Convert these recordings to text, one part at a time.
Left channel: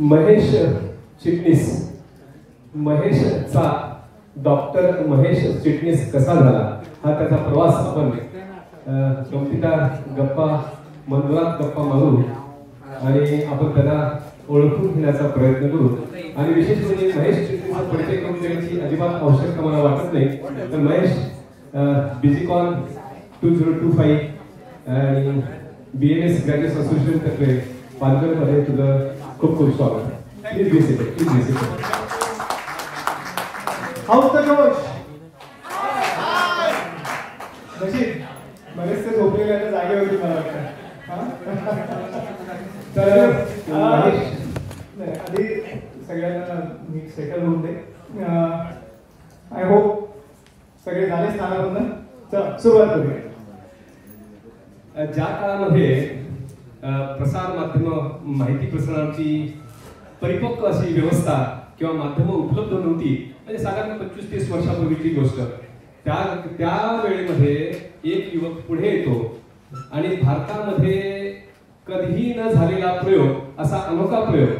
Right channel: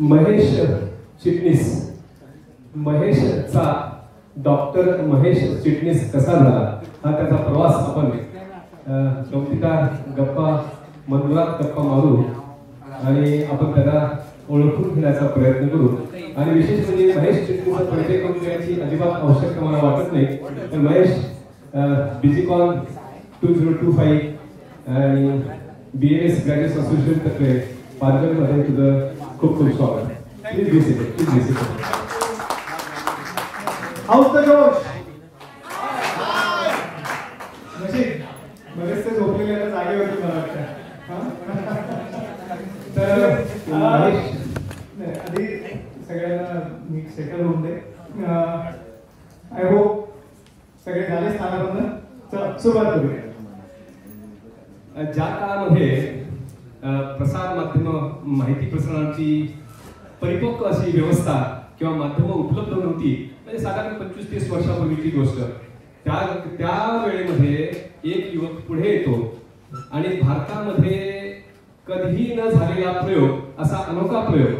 महेश चिटणीस, महेशचा doctor Mahesh चिटणीस कसा झाला हा त्याचा प्रवास आपण गमतीदार गप्पा मनोरंजक गप्पा मारू आणि आपण त्याला ओळखून घेण्याचा प्रयत्न करू. आणि विशेष म्हणजे महेश चिटणीसचा परिचय करून देण्याची अजिबात आवश्यकता मला वाटत नाही. तर महेश बिझीकॉन 2025 आणि BMS ग्रॅज्युएट असोसिएशन तर्फे पालघरमध्ये तुझं खूप खूप स्वागत. Please be seated, please be seated. House the जोश. महेश ते झोपलेल्या जागेवरती मला वाटतं. तर आधी सगळ्यांना मी सेटल होऊन दे. आय होप सगळे झाले स्थानाबद्दल. सुरुवात करूया. ज्या काळामध्ये प्रसार माध्यम माहिती प्रसारणाची परिपक्व अशी व्यवस्था किंवा माध्यम उपलब्ध नव्हती, म्हणजे साधारण 25-30 वर्षापूर्वीची गोष्ट. त्या वेळेमध्ये एक युवक पुढे येतो आणि भारतामध्ये कधीही न झालेला प्रयोग, असा अनोखा प्रयोग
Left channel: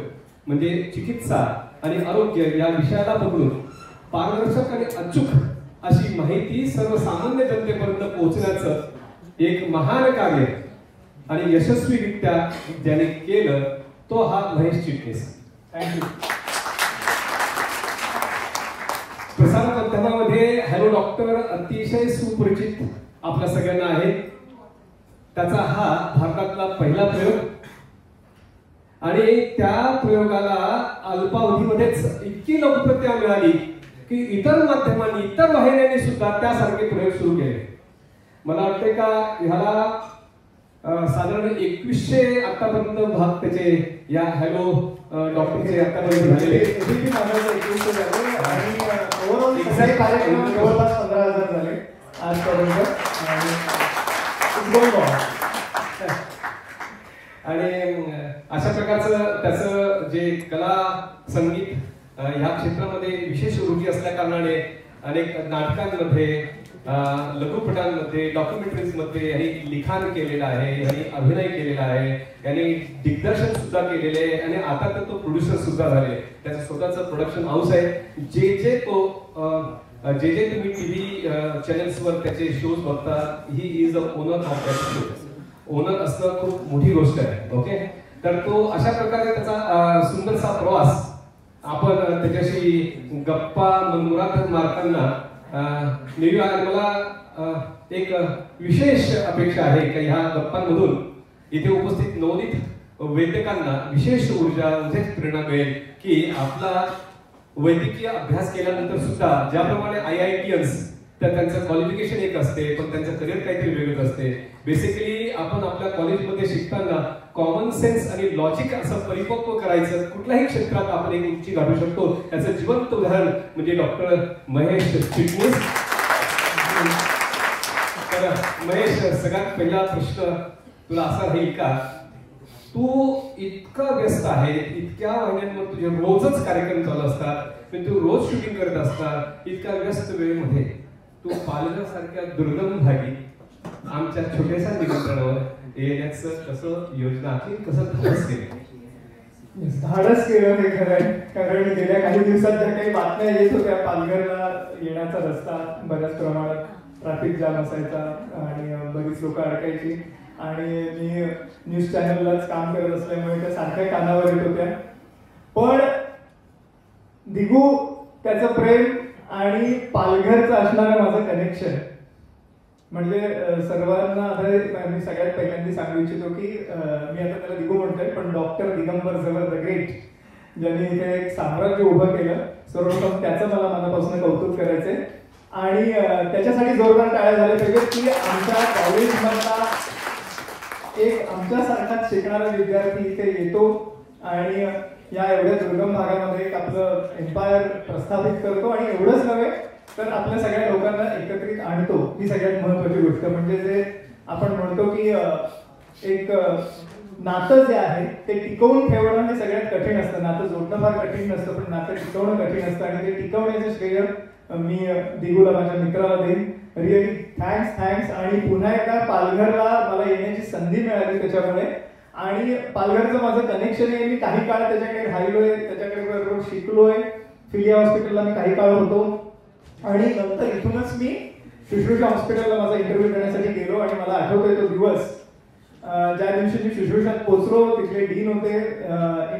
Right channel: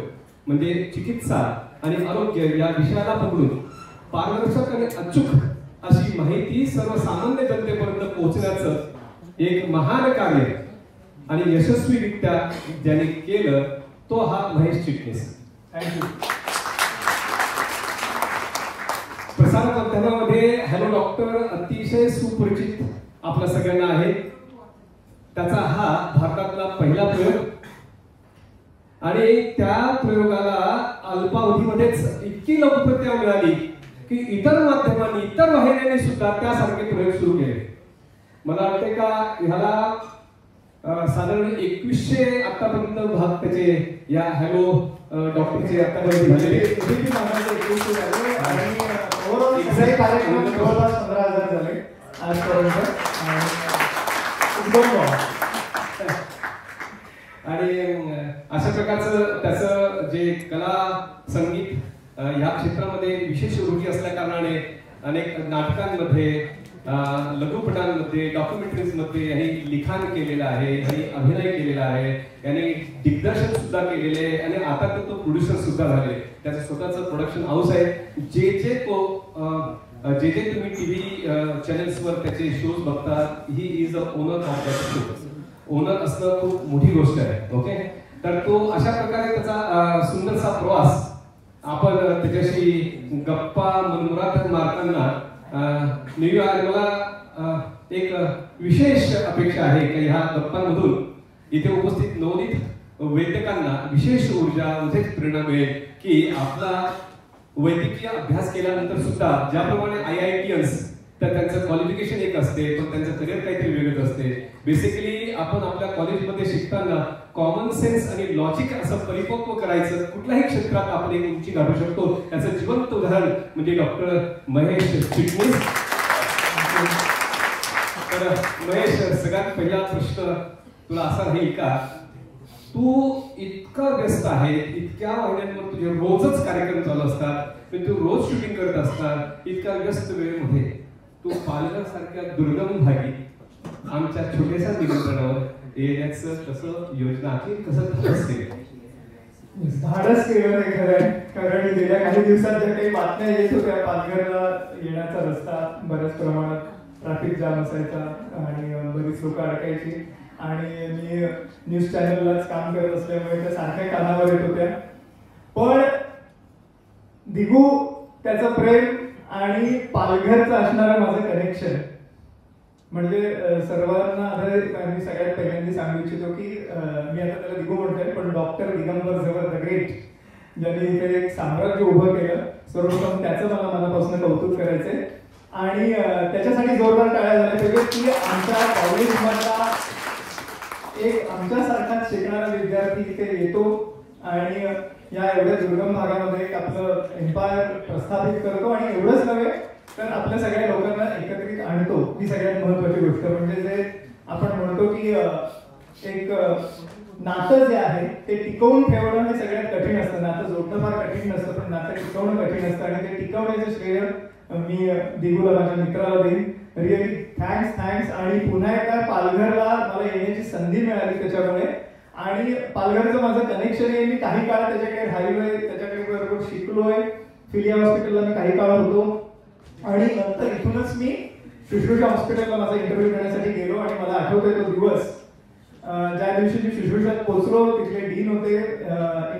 म्हणजे चिकित्सा आणि आरोग्य या विषयाला पकडून पारदर्शक आणि अचूक अशी माहिती सर्वसामान्य जनतेपर्यंत पोहोचण्याचं एक महान कार्य आणि यशस्वीरित्या ज्याने केलं तो हा महेश चिटणीस. थँक्यू. प्रसार माध्यमामध्ये हॅलो डॉक्टर अतिशय सुपरिचित आपल्या सगळ्यांना आहे. त्याचा हा भारतातला पहिला प्रयोग आणि त्या प्रयोगाला अल्पावधीमध्येच इतकी लोकप्रियता मिळाली की इतर माध्यमांनी, इतर वाहिन्यांनी सुद्धा त्यासारखे प्रयोग सुरू केले. मला वाटते का ह्याला साधारण 2100 आतापर्यंत भाग त्याचे या हॅलो डॉक्टरचे आतापर्यंत झालेले. आणि ओव्हरऑल सगळे कार्यक्रम जवळपास 15,000 झाले आजपर्यंत. आणि अशा प्रकारचं त्याचं जे कला संगीत ह्या क्षेत्रामध्ये विशेष रुची असल्या कारणाने अनेक नाटकांमध्ये, लघुपटांमध्ये, डॉक्युमेंटरीजमध्ये यांनी लिखाण केलेलं आहे, यांनी अभिनय केलेला आहे, यांनी दिग्दर्शन सुद्धा केलेले आहे आणि आता तर तो प्रोड्युसर सुद्धा झाले. त्याचं स्वतःचं प्रोडक्शन हाऊस आहे. जे तुम्ही टीव्ही चॅनल्सवर त्याचे शोज बघतात, he is a owner of that show. Owner असणं खूप मोठी गोष्ट आहे. ओके, तर तो अशा प्रकारे त्याचा सुंदरसा प्रवास आपण त्याच्याशी गप्पा मनोरंजक मारताना नेहमी. आणि मला एक विशेष अपेक्षा आहे की ह्या गप्पांमधून इथे उपस्थित नवोदित वैद्यकांना विशेष ऊर्जा, विशेष प्रेरणा मिळेल की आपला वैद्यकीय अभ्यास केल्यानंतर सुद्धा ज्याप्रमाणे IITians तर त्यांचं क्वालिफिकेशन एक असते, पण त्यांचं करिअर काहीतरी वेगळं असते. बेसिकली आपण आपल्या कॉलेजमध्ये शिकताना कॉमन सेन्स आणि लॉजिक असं परिपक्व करायचं, कुठल्याही क्षेत्रात आपण एक उंची गाठू शकतो. त्याचं जिवंत उदाहरण म्हणजे डॉक्टर महेश चिटणीस. तर महेश, सगळ्यात पहिला प्रश्न तुला असा राहील का, तू इतका व्यस्त आहे, इतक्या महिन्यांवर तुझे रोजच कार्यक्रम चालू असतात, पण तू रोज शूटिंग करत असतात, इतक्या व्यस्त वेळेमध्ये तू पालघरसारख्या दुर्गम भागी आमच्या छोट्याशा निमंत्रणावर येण्याचं कसं योजना आखली, कसं धाडस केलं? धाडस केलं नाही खरं, कारण गेल्या काही दिवसात ज्या काही बातम्या येत होत्या, पालघरला येण्याचा रस्ता बऱ्याच प्रमाणात ट्रॅफिक जाम असायचा आणि बरीच लोक अडकायची. आणि मी न्यूज चॅनललाच काम करत असल्यामुळे त्या सारख्या कानावर येत होत्या. पण दिगू, त्याचं प्रेम आणि पालघरचं असणारं माझं कनेक्शन म्हणजे सर्वांना मी सगळ्यात पहिल्यांदा सांगू इच्छितो की मी आता त्याला दिगू म्हणतोय, पण doctor Digambar Jhawar the great ज्यांनी इथे एक साम्राज्य उभं केलं, सर्वप्रथम त्याचं मला मनापासून कौतुक करायचंय. आणि त्याच्यासाठी जोरदार टाळ्या झाल्या पाहिजे की आमच्या कॉलेजमधला एक आमच्यासारखाच शिकणारा विद्यार्थी इथे येतो आणि या एवढ्या दुर्गम भागामध्ये एक आपलं एम्पायर प्रस्थापित करतो आणि एवढंच नव्हे तर आपल्या सगळ्या लोकांना एकत्रित आणतो. ही सगळ्यात महत्वाची गोष्ट. म्हणजे जे आपण म्हणतो की एक नातं जे आहे ते टिकवून ठेवणं हे सगळ्यात कठीण असतं. नातं जोडणं फार कठीण नसतं, पण नातं टिकवणं कठीण असतं आणि ते टिकवण्याचं श्रेय मी दिगूला, माझ्या मित्राला देईन. Really thanks. आणि पुन्हा एकदा पालघरला मला येण्याची संधी मिळाली त्याच्यामुळे. आणि पालघरचं माझं कनेक्शन आहे. मी काही काळ त्याच्याकडे राहिलोय, त्याच्याकडे बरोबर शिकलोय. फिलिया हॉस्पिटलला मी काही काळ होतो आणि नंतर इथूनच मी शुश्रूषा हॉस्पिटलला माझा इंटरव्ह्यू देण्यासाठी गेलो. आणि मला आठवतोय तो दिवस, ज्या दिवशी मी शुश्रूषात पोहोचलो, तिथले डीन होते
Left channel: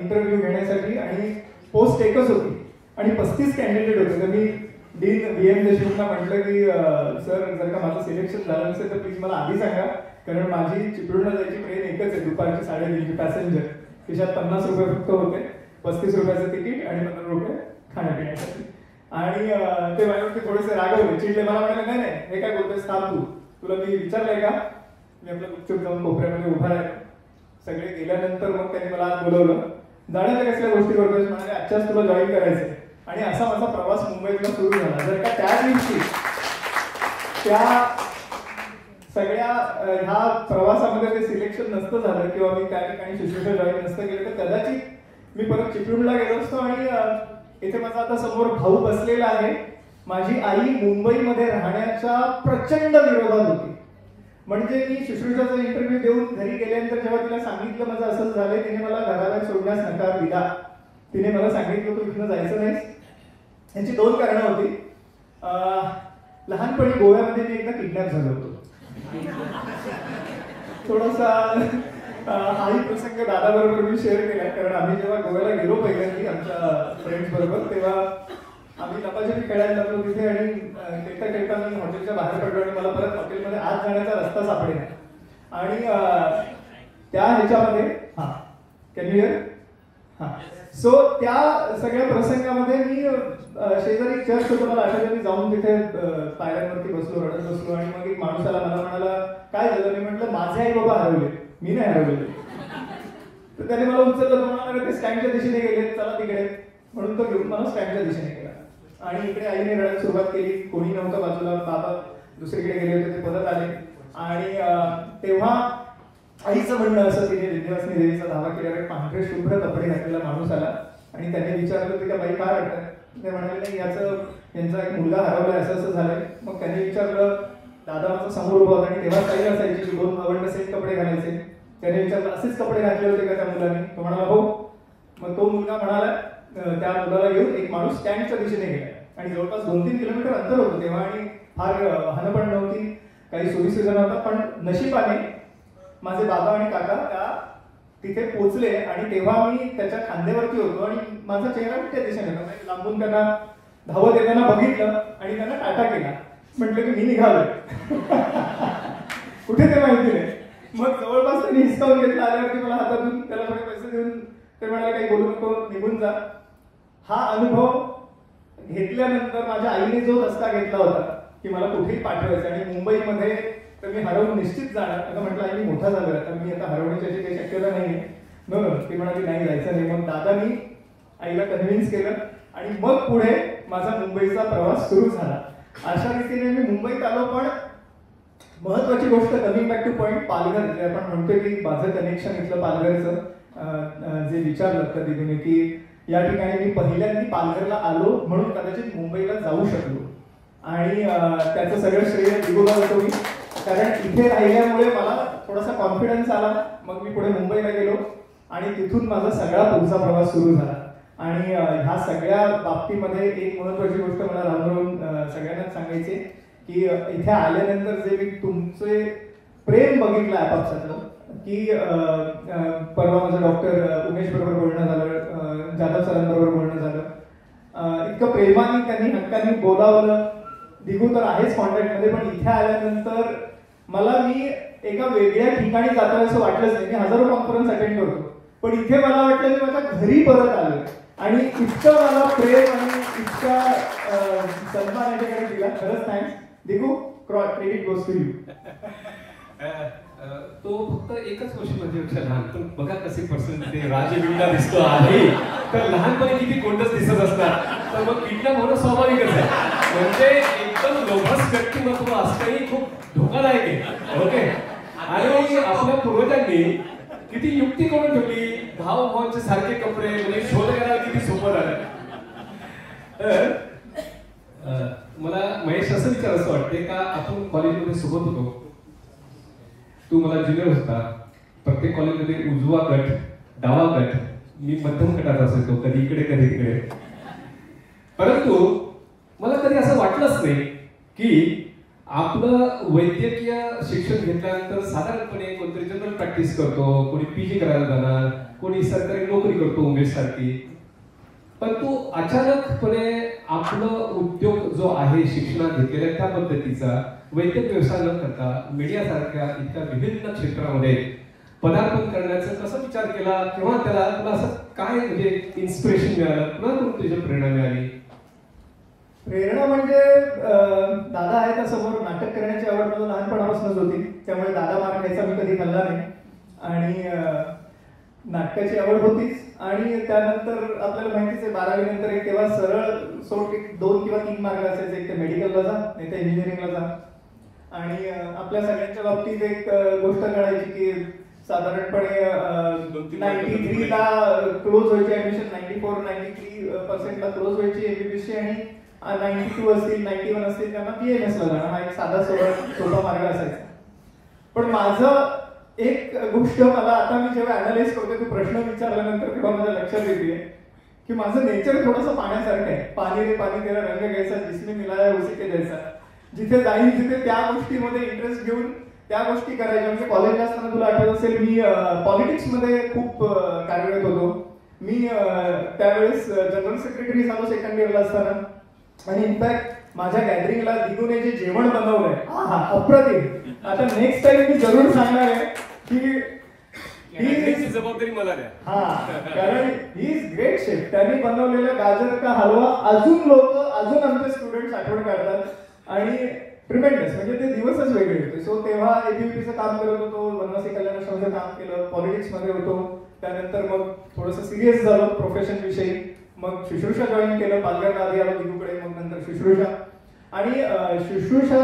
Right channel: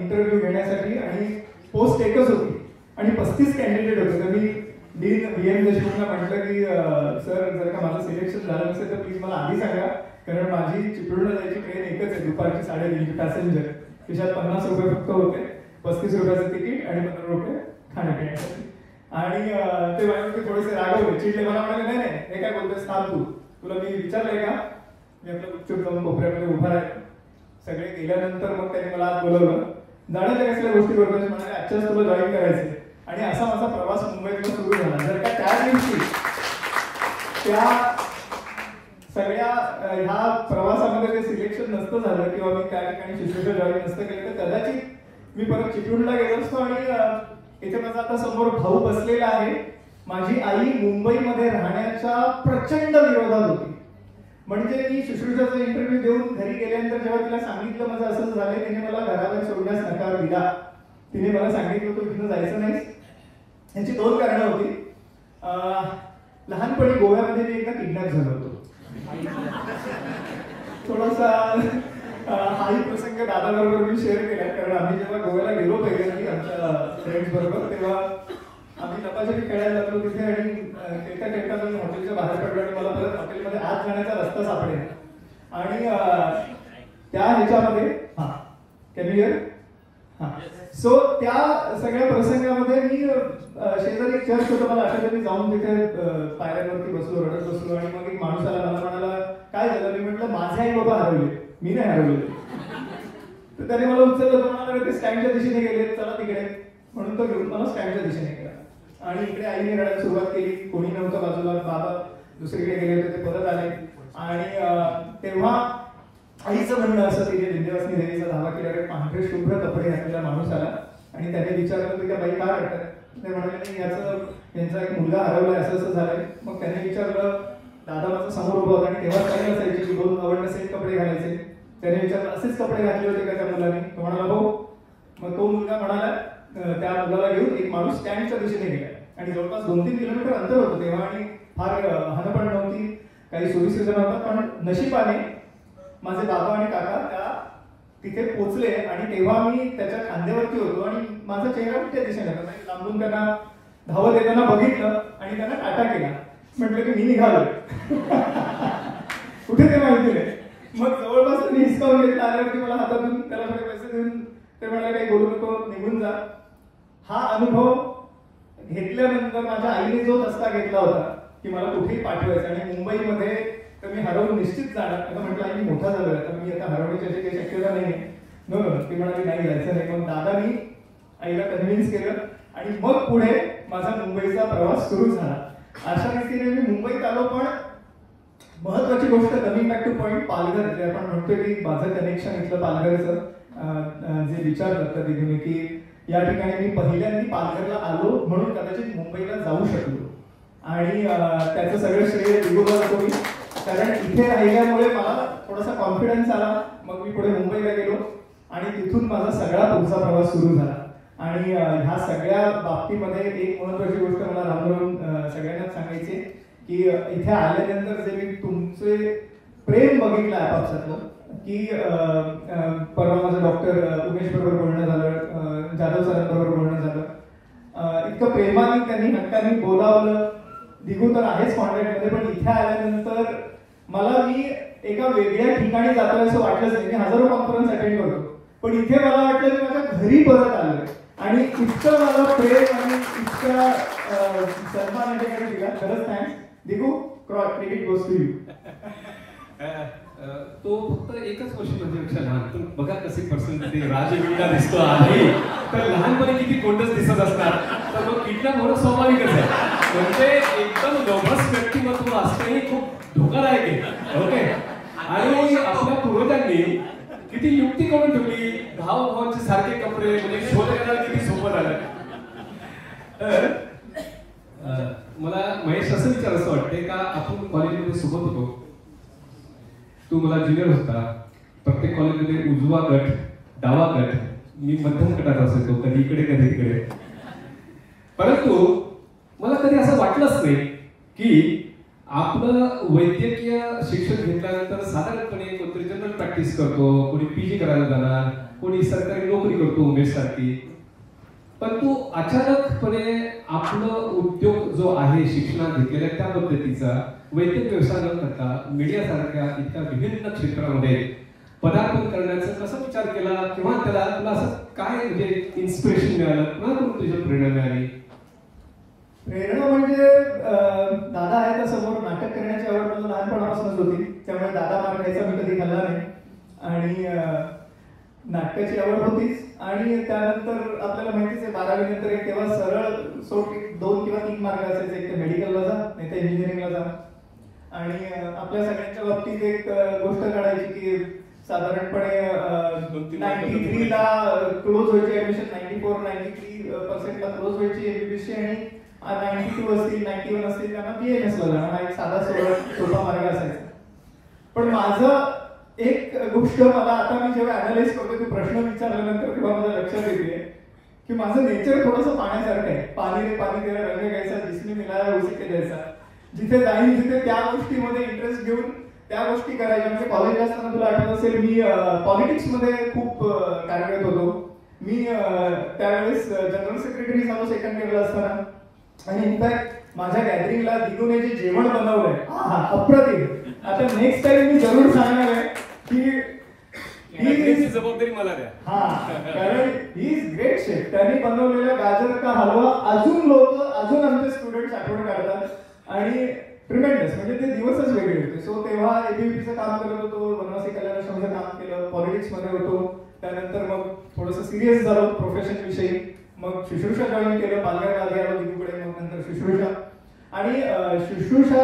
इंटरव्ह्यू घेण्यासाठी आणि पोस्ट एकच होती आणि 35 कॅन्डिडेट होते. तर मी डीन VM देशमुखला म्हटलं की सर, जर का माझं सिलेक्शन झालं असेल तर प्लीज मला आधी सांगा, कारण माझी चिपळूणला जायची ट्रेन एकच आहे, दुपारची 3:30 पॅसेंजर. खिशात 50 रुपये फक्त होते, 35 रुपयाचं तिकीट आणि 15 रुपये खाण्यापिण्यासाठी. आणि ते माझ्यावरती थोडेसे रागवले, चिडले. मला म्हणाले, नाही नाही, हे काय बोलतोयस, थांब, तुला मी विचारलंय का? मी आपल्या गुपचूप जाऊन कोपऱ्यामध्ये उभा राहिलो. सगळे गेल्यानंतर मग त्यांनी मला बोलवलं. जाण्याच्या कसल्या गोष्टी करतोय? म्हणाले, आजच्याच तुला जॉईन करायचंय. आणि असा माझा प्रवास मुंबईतला सुरू झाला. जर का त्या दिवशी त्या सगळ्या ह्या प्रवासामध्ये ते सिलेक्शन नसतं झालं किंवा मी त्या ठिकाणी शुश्रूषा जॉईन नसतं केलं तर कदाचित मी परत चिपळूणला गेलो असतो. आणि इथे माझा आता समोर भाऊ बसलेला आहे. माझी आई मुंबईमध्ये राहण्याच्या प्रचंड विरोधात होती. म्हणजे मी शुश्रूषाचा इंटरव्ह्यू देऊन घरी गेल्यानंतर जेव्हा तिला सांगितलं माझं असं झालंय, तिने मला घराबाहेर सोडण्यास नकार दिला. तिने मला सांगितलं तू इथनं जायचं नाही. याची 2 कारणं होती. लहानपणी गोव्यामध्ये मी एकदा किडनॅप झालो होतो. थोडासा हाही प्रसंग दादाबरोबर मी शेअर केला, कारण आम्ही जेव्हा गोव्याला गेलो पहिल्यांदा आमच्या फ्रेंड्स बरोबर, तेव्हा आम्ही लपाछपी खेळायला लागलो तिथे. आणि खेळता खेळता मी हॉटेलच्या बाहेर पडलो आणि मला परत हॉटेलमध्ये आत जाण्याचा रस्ता सापडेल. आणि त्या ह्याच्यामध्ये सो त्या सगळ्या प्रसंगामध्ये मी शेजारी चर्च होतं, मला आठवलं, मी जाऊन तिथे पायऱ्यांवरती बसलो, रडत बसलो. आणि मग एक माणूस आला, मला म्हणाला, काय झालं? मी म्हटलं, माझे आई बाबा हरवले, मी नाही हरवले. तर त्याने मला उचललं, म्हणाला, ते स्टँडच्या दिशेने गेले, चला तिकडे. म्हणून तो घेऊन मला स्टँडच्या दिशेने गेला. आणि इकडे आईने रडायला सुरुवात केली. कोणी नव्हतं बाजूला, बाबा दुसरीकडे गेले होते, ते परत आले. आणि तेव्हा आईचं म्हणणं असं, तिने विंध्यवासिनी देवीचा धावा केल्यावर पांढरे शुभ्र कपडे घातलेला माणूस आला आणि त्याने विचारलं की त्या बाई का रडताय? ते म्हणाले, नाही, यांचा एक मुलगा हरवलाय, असं असं झालंय. मग त्याने विचारलं, दादा माझं समोर उभा होता आणि तेव्हा काही असायची की 2 आवडले सेट कपडे घालायचे. त्याने विचारलं, असेच कपडे घातले होते का त्या मुलाने? तो म्हणाला, हो. मग तो मुलगा म्हणाला, त्या मुलाला घेऊन एक माणूस स्टँडच्या दिशेने गेला. आणि जवळपास 2-3 किलोमीटर अंतर होतं तेव्हा. आणि फार हनपण नव्हती, काही सोयीसुविधा नव्हता. पण नशिबाने माझे बाबा आणि काका त्या तिथे पोहोचले. आणि तेव्हा मी त्याच्या खांद्यावरती होतो आणि माझा चेहरा त्या दिशेने होता. लांबून त्यांना धावत येताना बघितलं आणि त्यांना टाटा केला. म्हटलं की मी निघालोय. कुठे ते माहिती नाही. मग जवळपास त्यांनी हिसकावून घेतला. आल्यावरती मला हातातून त्याला थोडे पैसे देऊन ते म्हणाले, काही बोलू नको, निघून जा. हा अनुभव घेतल्यानंतर माझ्या आईने जो रस्ता घेतला होता की मला कुठेही पाठवायचं आणि मुंबईमध्ये तर मी हरवून निश्चित जाणार. आता म्हटलं, आई मोठा झालोय, तर मी आता हरवण्याची काही शक्यता नाही. ती म्हणाली, नाही, जायचं नाही. मग दादानी आईला कन्व्हिन्स केलं आणि मग पुढे माझा मुंबईचा प्रवास सुरू झाला. अशा रीतीने मी मुंबईत आलो. पण महत्वाची गोष्ट, coming back two point, Palghar जे आपण म्हणतोय की माझं कनेक्शन इथलं पालघरचं, जे विचारलं तर दिदीने की या ठिकाणी मी पहिल्यांदा पालघरला आलो म्हणून कदाचित मुंबईला जाऊ शकलो. आणि त्याचं सगळं श्रेय दिगोबा देतो मी, कारण इथे राहिल्यामुळे मला थोडासा कॉन्फिडन्स आला. मग मी पुढे मुंबईला गेलो आणि तिथून माझा सगळा पुढचा प्रवास सुरू झाला. आणि ह्या सगळ्या बाबतीमध्ये एक महत्वाची गोष्ट मला राहून सगळ्यांना सांगायची की इथे आल्यानंतर जे मी तुमचे प्रेम बघितलं आपापसातलं, की परवा माझं डॉक्टर उमेश बरोबर बोलणं झालं, जाधव सरांबरोबर बोलणं झालं. इतकं प्रेमाने त्यांनी हक्काने बोलावलं. दिगू तर आहेच कॉन्टॅक्टमध्ये, पण इथे आल्यानंतर मला मी एका वेगळ्या ठिकाणी जातोय असं वाटलंच नाही. मी हजारो कॉन्फरन्स अटेंड करतो, पण इथे मला वाटलं की माझ्या घरी परत आलोय. आणि इतकं मला प्रेम आणि इतका सन्मान याच्याकडे दिला. खरंच thanks Digu. Credit goes to you. तो फक्त एकच गोष्ट म्हणजे लहान, पण बघा कसे पर्सनॅलिटी राजवीरला दिसतो आहे. तर लहानपणी किती कोणतंच दिसत असतात, तर मग किडनॅप होणं स्वाभाविकच आहे. म्हणजे एकदम लोभस व्यक्तिमत्व असणंही खूप धोकादायक आहे. ओके. आणि आपल्या पूर्वजांनी किती युक्ती करून ठेवली. भावांचे सारखे कपडे म्हणजे शोध करायला किती सोपं झालं. मला महेश असं विचार असं वाटते का आपण कॉलेजमध्ये सोबत होतो, तू मला ज्युनियर होता, प्रत्येक कॉलेजमध्ये उजवा गट, डावा गट, मी मध्यम गटात असायचो, कधी इकडे कधी तिकडे. परंतु मला कधी असं वाटलंच नाही की आपलं वैद्यकीय शिक्षण घेतल्यानंतर साधारणपणे कोणतरी जनरल प्रॅक्टिस करतो, कोणी पीजी करायला जाणार, कोणी सरकारी नोकरी करतो उमेश सारखी. परंतु अचानकपणे आपलं उद्योग जो आहे शिक्षणात घेतलेल्या त्या पद्धतीचा वैद्यक व्यवसाय न करता मीडिया सारख्या इतक्या विभिन्न क्षेत्रामध्ये पदार्पण करण्याचा कसा विचार केला किंवा त्याला तुला असं काय म्हणजे इन्स्पिरेशन मिळालं किंवा तुझी प्रेरणा मिळाली? प्रेरणा म्हणजे दादा आहे तर समोर नाटक करण्याची आवड मला लहानपणापासूनच होती, त्यामुळे दादा मारण्याचा मी कधी खाल्ला नाही आणि नाटकाची आवड होतीच. आणि त्यानंतर आपल्याला माहितीच आहे 12वी नंतर एक तेव्हा सरळ सोट 2 किंवा 3 मार्ग असायचे, एक ते मेडिकलला जा नाही तर इंजिनिअरिंगला जा. आणि आपल्या सगळ्यांच्या बाबतीत एक गोष्ट कळायची की साधारणपणे 93 ला क्लोज व्हायची ऍडमिशन, 94-93% ला क्लोज व्हायची एमबीबीएसची आणि 92 असतील 91 असतील त्यांना बीएमएस ला जाणं, हा एक साधा सोपा मार्ग असायचा. पण माझं एक गोष्ट मला आता मी जेव्हा अनालाइज करतो की प्रश्न विचारल्यानंतर तेव्हा माझ्या लक्षात येते की माझं नेचर थोडंसं पाण्यासारखं आहे. पाणी रे पाणी तेरा रंग घ्यायचा, जिसने मिलाया उसी के जैसा. जिथे जाईल तिथे त्या गोष्टीमध्ये इंटरेस्ट घेऊन त्या गोष्टी करायच्या. म्हणजे कॉलेजला असताना तुला आठवत असेल मी पॉलिटिक्स मध्ये खूप कार्यरत होतो. मी त्यावेळेस जनरल सेक्रेटरी झालो सेकंड इयरला असताना. आणि इनफॅक्ट माझ्या गॅदरिंगला दिगूने जे जेवण बनवलंय अप्रतिम. आता नेक्स्ट टाइम मी जरूर सांगणार आहे की ही जबाबदारी मला द्या. कारण ही इज ग्रेट शेफ. त्यांनी बनवलेला गाजर का हलवा अजून आमचे स्टुडंट्स आठवण काढतात आणि ट्रिमेंडस, म्हणजे ते दिवसच वेगळे होते. सो तेव्हा एबीव्हीपीचं काम करत होतो, वनवासी कल्याण आश्रमचं काम केलं, पॉलिटिक्स मध्ये होतो. त्यानंतर मग थोडंसं सिरियस झालो प्रोफेशन विषयी. मग शुश्रूषा जॉईन केलं, पालघरला आधी आलो दिगूकडे, मग नंतर शुश्रूषा. आणि शुश्रूषा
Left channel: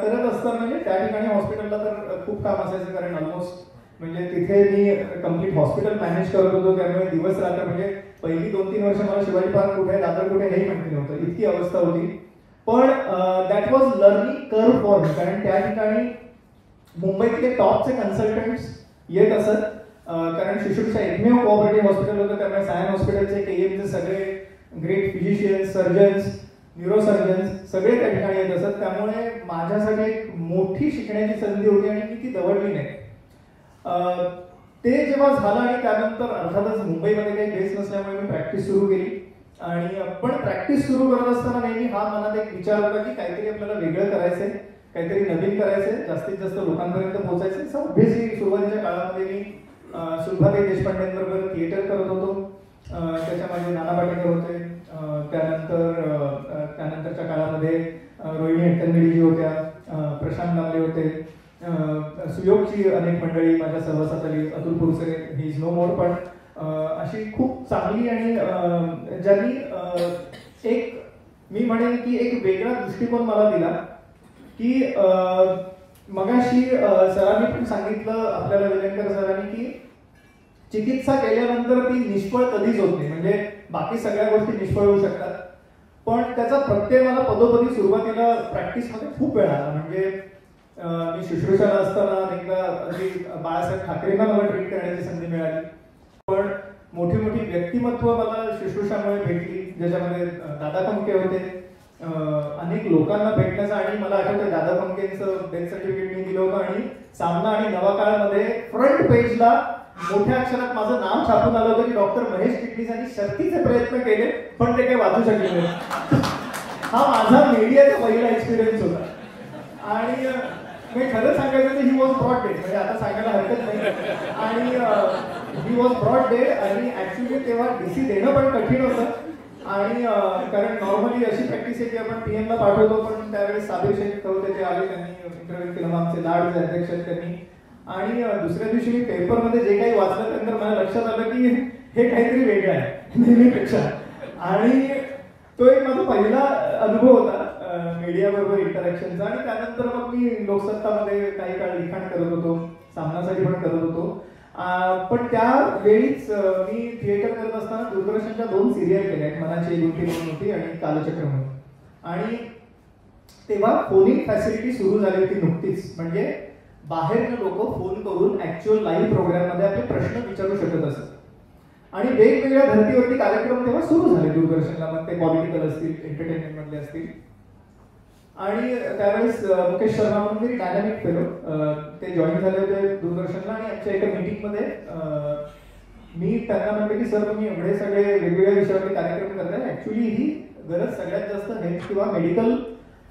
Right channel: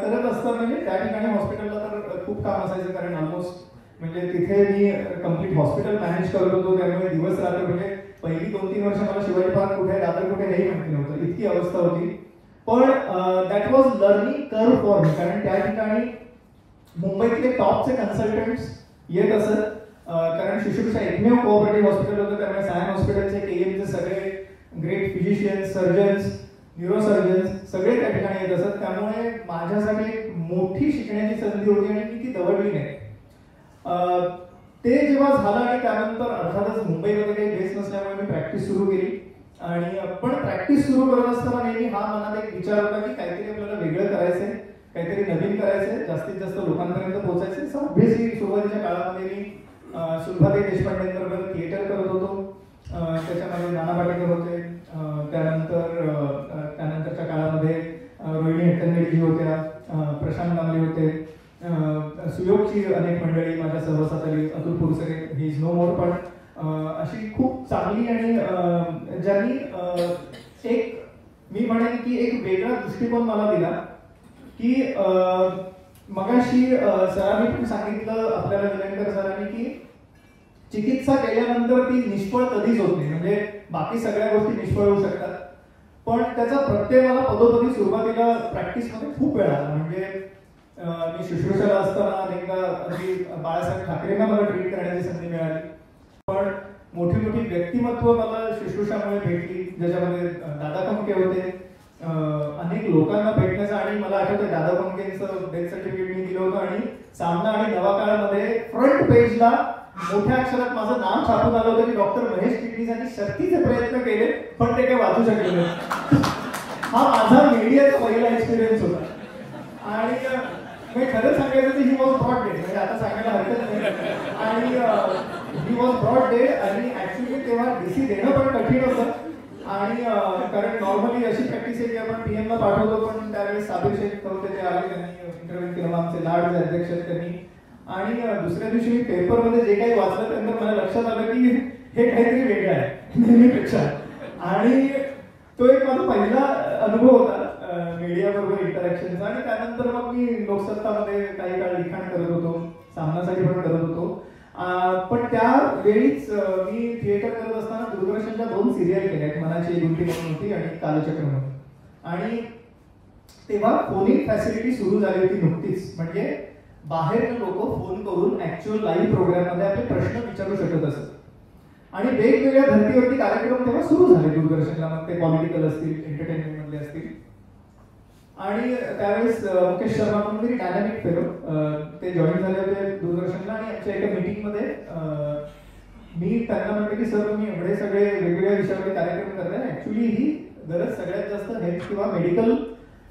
करत असताना म्हणजे त्या ठिकाणी हॉस्पिटलला तर खूप काम असायचं, कारण ऑलमोस्ट म्हणजे तिथे मी कम्प्लीट हॉस्पिटल मॅनेज करत होतो. त्यामुळे दिवस रात्र म्हणजे पहिली 2-3 वर्ष मला शिवाजी पार्क कुठे दादर कुठे हेही माहिती नव्हतं, इतकी अवस्था होती. पण that was learning curve for me, कारण त्या ठिकाणी मुंबईतले टॉपचे कन्सल्टंट्स येत असत. कारण शुश्रूषा एकमेव कोऑपरेटिव्ह हॉस्पिटल होतं, त्यामुळे सायन हॉस्पिटलचे केएमचे सगळे ग्रेट फिजिशियन्स, सर्जन्स, न्यूरोसर्जन्स सगळे त्या ठिकाणी येत असत. त्यामुळे माझ्यासाठी एक मोठी शिकण्याची संधी होती आणि मी ती दवडली नाही. ते जेव्हा झालं आणि त्यानंतर अर्थातच मुंबईमध्ये काही बेस नसल्यामुळे मी प्रॅक्टिस सुरू केली. आणि पण प्रॅक्टिस सुरू करत असताना नेहमी हा मनात एक विचार होता की काहीतरी आपल्याला वेगळं करायचंय, काहीतरी नवीन करायचंय, जास्तीत जास्त लोकांपर्यंत पोहोचायचंय. सो ऑब्व्हियसली सुरुवातीच्या काळामध्ये मी सुलभाताई देशपांडेंबरोबर थिएटर करत होतो. त्याच्यामध्ये नाना पाटेकर होते. त्यानंतरच्या काळामध्ये रोहिणी हट्टंगडी होत्या, प्रशांत नामले होते, सुयोगची अनेक मंडळी माझ्या सहवासात आली, अतुल पुरसरे, ही इज नो मोर. पण अशी खूप चांगली आणि ज्यांनी एक मी म्हणेन की एक वेगळा दृष्टिकोन मला दिला की मगाशी सरांनी पण सांगितलं आपल्याला विलंकर सरांनी की चिकित्सा केल्यानंतर ती निष्फळ कधीच होत नाही. म्हणजे बाकी सगळ्या गोष्टी निष्फळ होऊ शकतात, पण त्याचा प्रत्यय मला पदोपदी सुरुवातीला प्रॅक्टिसमध्ये खूप वेळ आला. म्हणजे मी शुश्रूषाला असताना एकदा बाळासाहेब ठाकरेंना मला ट्रीट करण्याची संधी मिळाली. पण मोठी मोठी व्यक्तिमत्व मला शुश्रूषामुळे भेटली, ज्याच्यामध्ये दादा खमके होते. अनेक लोकांना भेटण्याचा आणि मला आठवतं दादा खमकेंचं डेथ सर्टिफिकेट मी दिलं होतं आणि सामना आणि नवाकाळमध्ये फ्रंट पेजला मोठ्या अक्षरात माझं नाव छापून आलं होतं की डॉक्टर महेश चिटणीस यांनी शक्तीचे प्रयत्न केले पण ते काही वाचू शकले नाही. हा माझा मीडियाचा पहिला एक्सपिरियन्स होता. आणि मी खरं सांगायचं तर ही वॉज ब्रॉड डेड, म्हणजे आता सांगायला हरकत नाही. आणि ही वॉज ब्रॉड डेड आणि ऍक्च्युली तेव्हा डीसी देणं पण कठीण होतं. आणि कारण नॉर्मली अशी प्रॅक्टिस आहे की आपण पीएमला पाठवतो, पण त्यावेळी साबिर शेख होते ते आले, त्यांनी इंटरव्ह्यू केलं, आमचे लाडचे अध्यक्ष त्यांनी. आणि दुसऱ्या दिवशी मी पेपरमध्ये जे काही वाचलं त्यानंतर मला लक्षात आलं की हे काहीतरी वेगळं आहे नेहमीपेक्षा. आणि तो एक माझा पहिला अनुभव होता मीडिया बरोबर इंटरॅक्शनचा. आणि त्यानंतर मग मी लोकसत्तामध्ये काही काळ लिखाण करत होतो, सामनासाठी पण करत होतो. पण त्यावेळीच मी थिएटर करत असताना दूरदर्शनच्या 2 सिरियल केल्या, मनाची होती आणि कालचक्र म्हणून. आणि तेव्हा फोनिक फॅसिलिटी सुरू झाली होती नुकतीच. म्हणजे बाहेरनं लोक फोन करून ऍक्च्युअल लाईव्ह प्रोग्राममध्ये आपले प्रश्न विचारू शकत असत आणि वेगवेगळ्या धर्तीवरती कार्यक्रम तेव्हा सुरू झाले दूरदर्शनला, मग ते पॉलिटिकल असतील, एंटरटेनमेंट मधले असतील. आणि त्यावेळेस मुकेश शर्मा म्हणून डायनामिक फेलो ते जॉईन झाले होते दूरदर्शनला आणि आमच्या एका मीटिंगमध्ये मी त्यांना म्हटलं की सर, मी एवढे सगळे वेगवेगळ्या विषयावरती कार्यक्रम करताय, ऍक्च्युली ही गरज सगळ्यात जास्त हेल्थ किंवा मेडिकल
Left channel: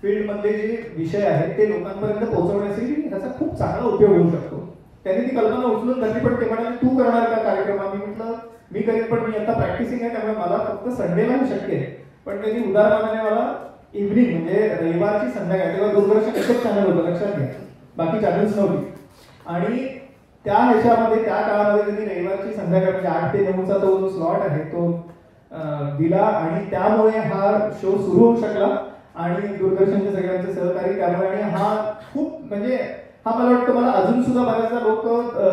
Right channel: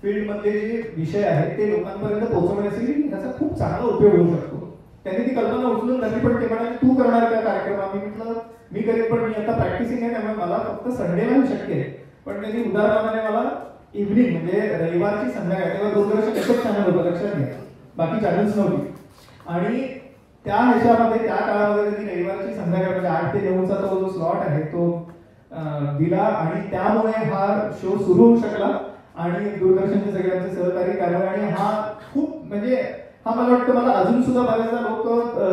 फील्ड मधले जे विषय आहेत ते लोकांपर्यंत पोहोचवण्यासाठी त्याचा खूप चांगला उपयोग होऊ शकतो. त्यांनी ती कल्पना उचलून धरली, पण ते म्हणाले तू करणार का कार्यक्रम? आम्ही म्हटलं मी करेन, पण मी आता प्रॅक्टिसिंग आहे त्यामुळे मला फक्त संडेला शक्य आहे. पण त्यांनी उदाहरणाने मला इव्हनिंग म्हणजे रविवारची संध्याकाळ, तेव्हा दूरदर्शन एकच चॅनल होतं लक्षात घ्या, बाकी चॅनल्स नव्हती. आणि त्या ह्याच्यामध्ये त्या काळामध्ये त्यांनी रविवारची संध्याकाळ म्हणजे 8 ते 9चा तो जो स्लॉट आहे तो दिला आणि त्यामुळे हा शो सुरू होऊ शकला आणि दूरदर्शनचे सगळ्यांचे सहकारी त्यामुळे. आणि हा खूप म्हणजे हा मला वाटतं मला अजून सुद्धा बऱ्याचदा लोक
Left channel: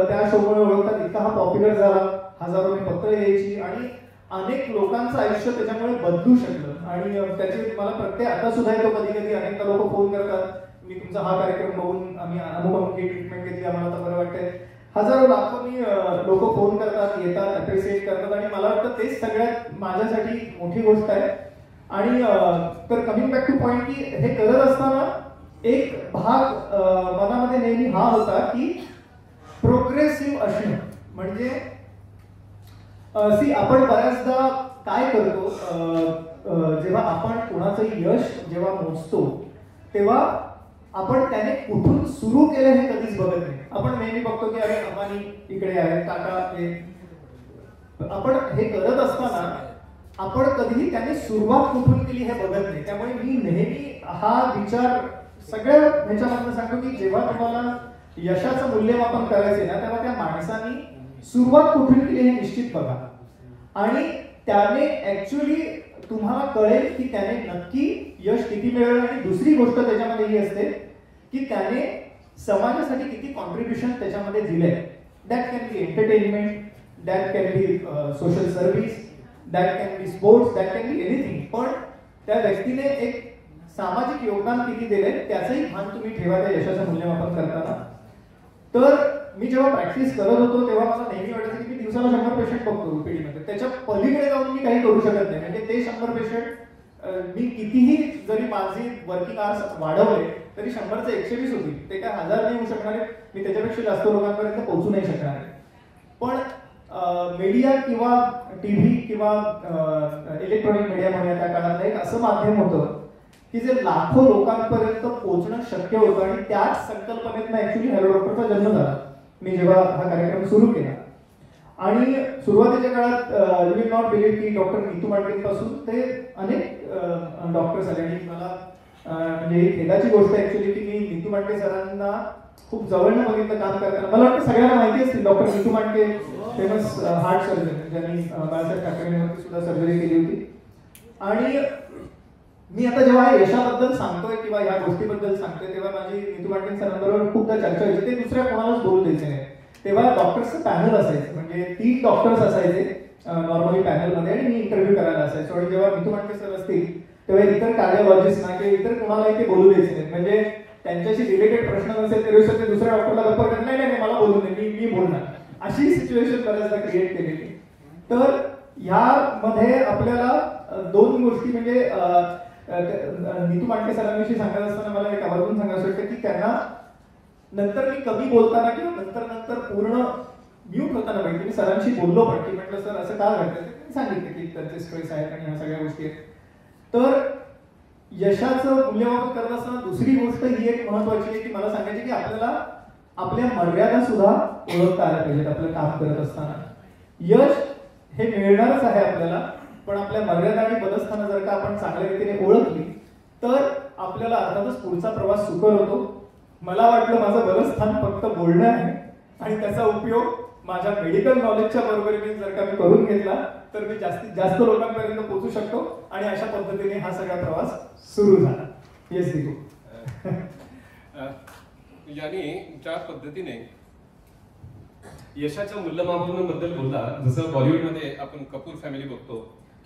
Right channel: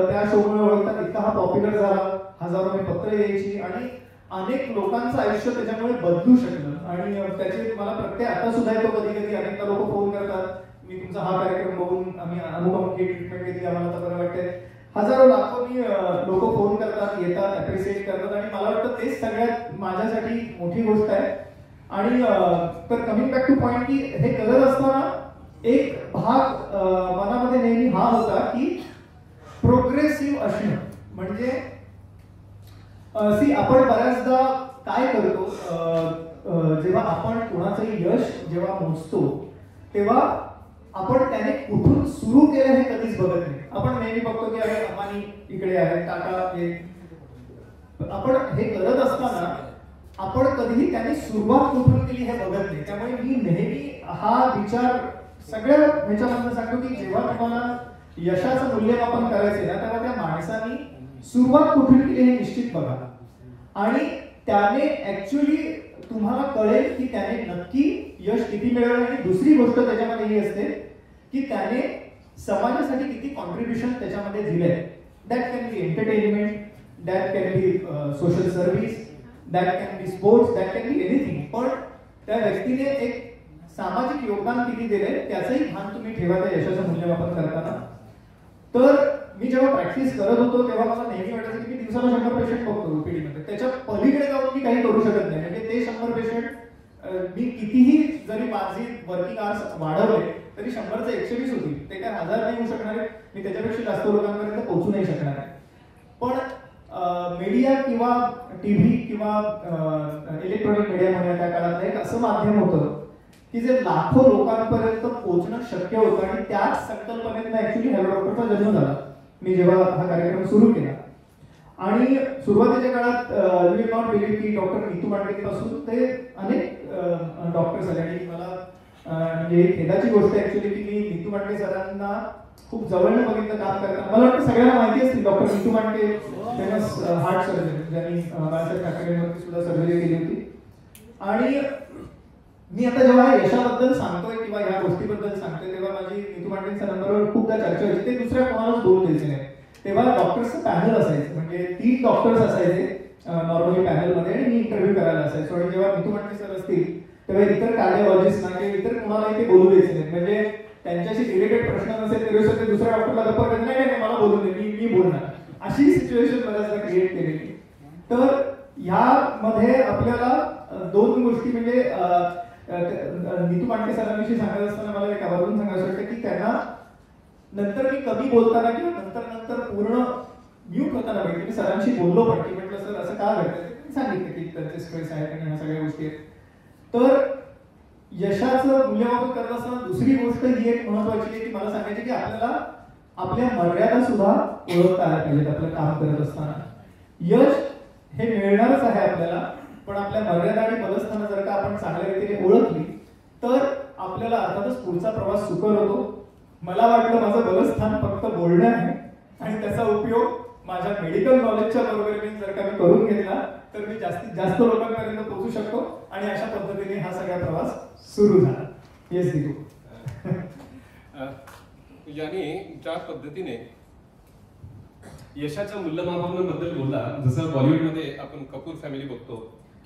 त्या शोमुळे ओळखतात, इतका हा पॉप्युलर झाला, हजारो पत्र यायची आणि अनेक लोकांचं आयुष्य त्याच्यामुळे बदलू शकलं. आणि त्याचे मला प्रत्येक आता सुद्धा येतो कधी कधी अनेक लोक फोन करतात, मी तुमचा हा कार्यक्रम बघून आम्ही अमुक ट्रीटमेंट केली, आम्हाला तर बरं वाटतंय. हजारो लाखोनी लोक फोन करतात, येतात, अप्रिशिएट करतात आणि मला वाटतं तेच सगळ्यात माझ्यासाठी मोठी गोष्ट आहे. आणि तर कमिंग बॅक टू पॉइंट की हे करत असताना एक भाग मनामध्ये नेहमी हा होता की प्रोग्रेसिव्ह असणं म्हणजे आपण बऱ्याचदा काय करतो, जेव्हा आपण कोणाचंही यश जेव्हा मोजतो तेव्हा आपण त्याने कुठून सुरू केलं हे कधीच बघत नाही. आपण नेहमी बघतो की अरे अंबानी इकडे आहे, टाटा आहे. आपण हे करत असताना आपण कधीही त्याने सुरुवात कुठून केली हे बघत नाही. त्यामुळे मी नेहमी हा विचार सगळ्या ह्याच्यामध्ये सांगतो की जेव्हा तुम्हाला यशाचं मूल्यमापन करायचे ना तेव्हा त्या माणसाने सुरुवात कुठून केली हे निश्चित बघा आणि त्याने ऍक्च्युअली तुम्हाला कळेल की त्याने नक्की यश किती मिळवलं. आणि दुसरी गोष्ट त्याच्यामध्ये ही असते की त्याने समाजासाठी किती कॉन्ट्रीब्युशन त्याच्यामध्ये दिले. That can be entertainment, that can be social service, that can be sports, that can be anything. पण त्या व्यक्तीने एक सामाजिक योगदान किती दिले त्याचंही भान तुम्ही ठेवा त्या यशाचं मूल्यमापन करताना. तर मी जेव्हा प्रॅक्टिस करत होतो तेव्हा मला नेहमी वाटायचं की मी दिवसाला 100 पेशंट बघतो ओपीडीमध्ये, त्याच्या पलीकडे जाऊन मी काही करू शकत नाही. म्हणजे ते 100 पेशंट मी कितीही जरी माझी वर्किंग आवर्स वाढवले तरी 100चे 120 होतील, ते काय 1000 नाही होऊ शकणार आहे. मी त्याच्यापेक्षा जास्त लोकांपर्यंत पोहोचू नाही शकणार आहे. पण मीडिया किंवा टीव्ही किंवा इलेक्ट्रॉनिक मीडियामुळे त्या काळात एक असं माध्यम होतं की जे लाखो लोकांपर्यंत पोहोचणं शक्य होतं. आणि त्याच संकल्पनेतनं ऍक्च्युली हॅलो डॉक्टरचा जन्म झाला. मी जेव्हा हा कार्यक्रम सुरू केला आणि सुरुवातीच्या काळात यू विल नॉट बिलीव्ह की डॉक्टर नीतू मांडलेपासून ते अनेक डॉक्टर्स आले. आणि मला म्हणजे खेदाची गोष्ट ऍक्च्युली की मी नीतू मांडके सरांना खूप जवळनं बघितलं काम करताना. मला वाटतं सगळ्यांना माहिती असतील doctor Neetu Mandke famous heart surgeon ज्यांनी बाळासाहेब ठाकरेंवरती सुद्धा सर्जरी केली होती. आणि मी आता जेव्हा यशाबद्दल सांगतोय किंवा या गोष्टीबद्दल सांगतोय तेव्हा माझी नीतू मांडके सरांबरोबर खूपदा चर्चा व्हायची. ते दुसऱ्या कोणालाच बोलू द्यायचे नाही. तेव्हा डॉक्टर्सचं पॅनल असायचं, म्हणजे 3 डॉक्टर्स असायचे नॉर्मली पॅनलमध्ये आणि मी इंटरव्ह्यू करायला असायचो. आणि जेव्हा नीतू मांडके सर असतील तेव्हा इतर कार्डिओलॉजिस्ट ना किंवा इतर कोणालाही ते बोलू द्यायचे नाही. म्हणजे त्यांच्याशी रिलेटेड प्रश्न नसेल त्यावेळेस ते दुसऱ्या डॉक्टरला गप्पा करत नाही नाही मला बोलू दे, मी बोलणार, अशी सिच्युएशन बऱ्याचदा क्रिएट केलेली. तर ह्यामध्ये आपल्याला 2 गोष्टी म्हणजे नीतू मांडके सरांविषयी सांगत असताना मला एक आवर्जून सांगायचं वाटतं की त्यांना नंतर मी कमी बोलताना किंवा नंतर पूर्ण म्यूट होताना बघितलं. मी सरांशी बोललो पण की म्हटलं सर असं का घडतं, सांगितलं की त्यांचे स्ट्रेस आहेत आणि ह्या सगळ्या गोष्टी आहेत. तर यशाचं मूल्यमापन करत असताना दुसरी गोष्ट ही एक महत्वाची आहे की मला सांगायची की आपल्याला आपल्या मर्यादा सुद्धा ओळखता आल्या पाहिजेत. आपलं काम करत असताना यश हे मिळणारच आहे आपल्याला, पण आपल्या मर्यादा आणि बलस्थानं जर का आपण चांगल्या रीतीने ओळखली तर आपल्याला अर्थातच पुढचा प्रवास सुकर होतो. मला वाटलं माझं बलस्थान फक्त बोलणं आहे आणि त्याचा उपयोग माझ्या मेडिकल नॉलेजच्या बरोबरीने जर का मी करून घेतला तर मी जास्तीत जास्त लोकांपर्यंत पोहोचू शकतो. आणि अशा पद्धतीने हा सगळा प्रवास सुरू झाला. येस दीपू. याने ज्या पद्धतीने यशाच्या मूल्यमापनाबद्दल बोलला, जसं बॉलिवूडमध्ये आपण कपूर फॅमिली बघतो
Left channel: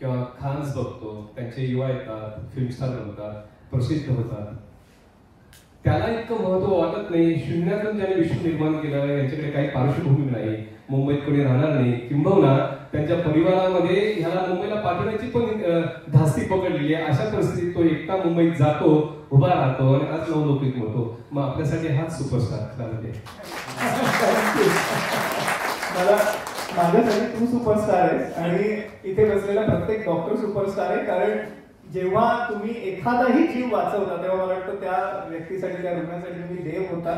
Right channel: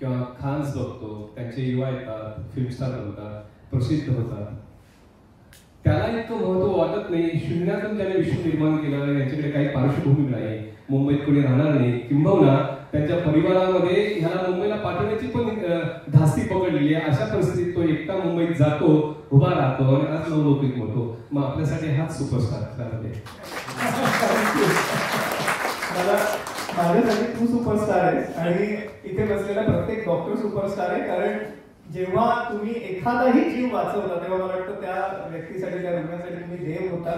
किंवा खान्स बघतो, त्यांचे युवा येतात, फिल्म स्टार बनतात, प्रसिद्ध होतात, त्याला इतकं महत्व वाटत नाही. शून्यातून त्याने विश्व निर्माण केलं, यांच्याकडे काही पार्श्वभूमी नाही, मुंबईत कोणी राहणार नाही, किंबहुना त्यांच्या परिवारामध्ये ह्याला मुंबईला पाठवण्याची पण धास्ती पकडलेली आहे. अशा परिस्थितीत तो एकटा मुंबईत जातो, उभा राहतो आणि आज नवलौकिक होतो. मग आपल्यासाठी हाच सुपरस्टार त्यामध्ये. माझ्यासाठी तू सुपरस्टार आहेस आणि इथे बसलेला प्रत्येक डॉक्टर सुपरस्टार आहे. कारण जेव्हा तुम्ही एखादाही जीव वाचवता तेव्हा मला वाटतं त्या व्यक्तीसाठी, त्या रुग्णासाठी तुम्ही देव होता.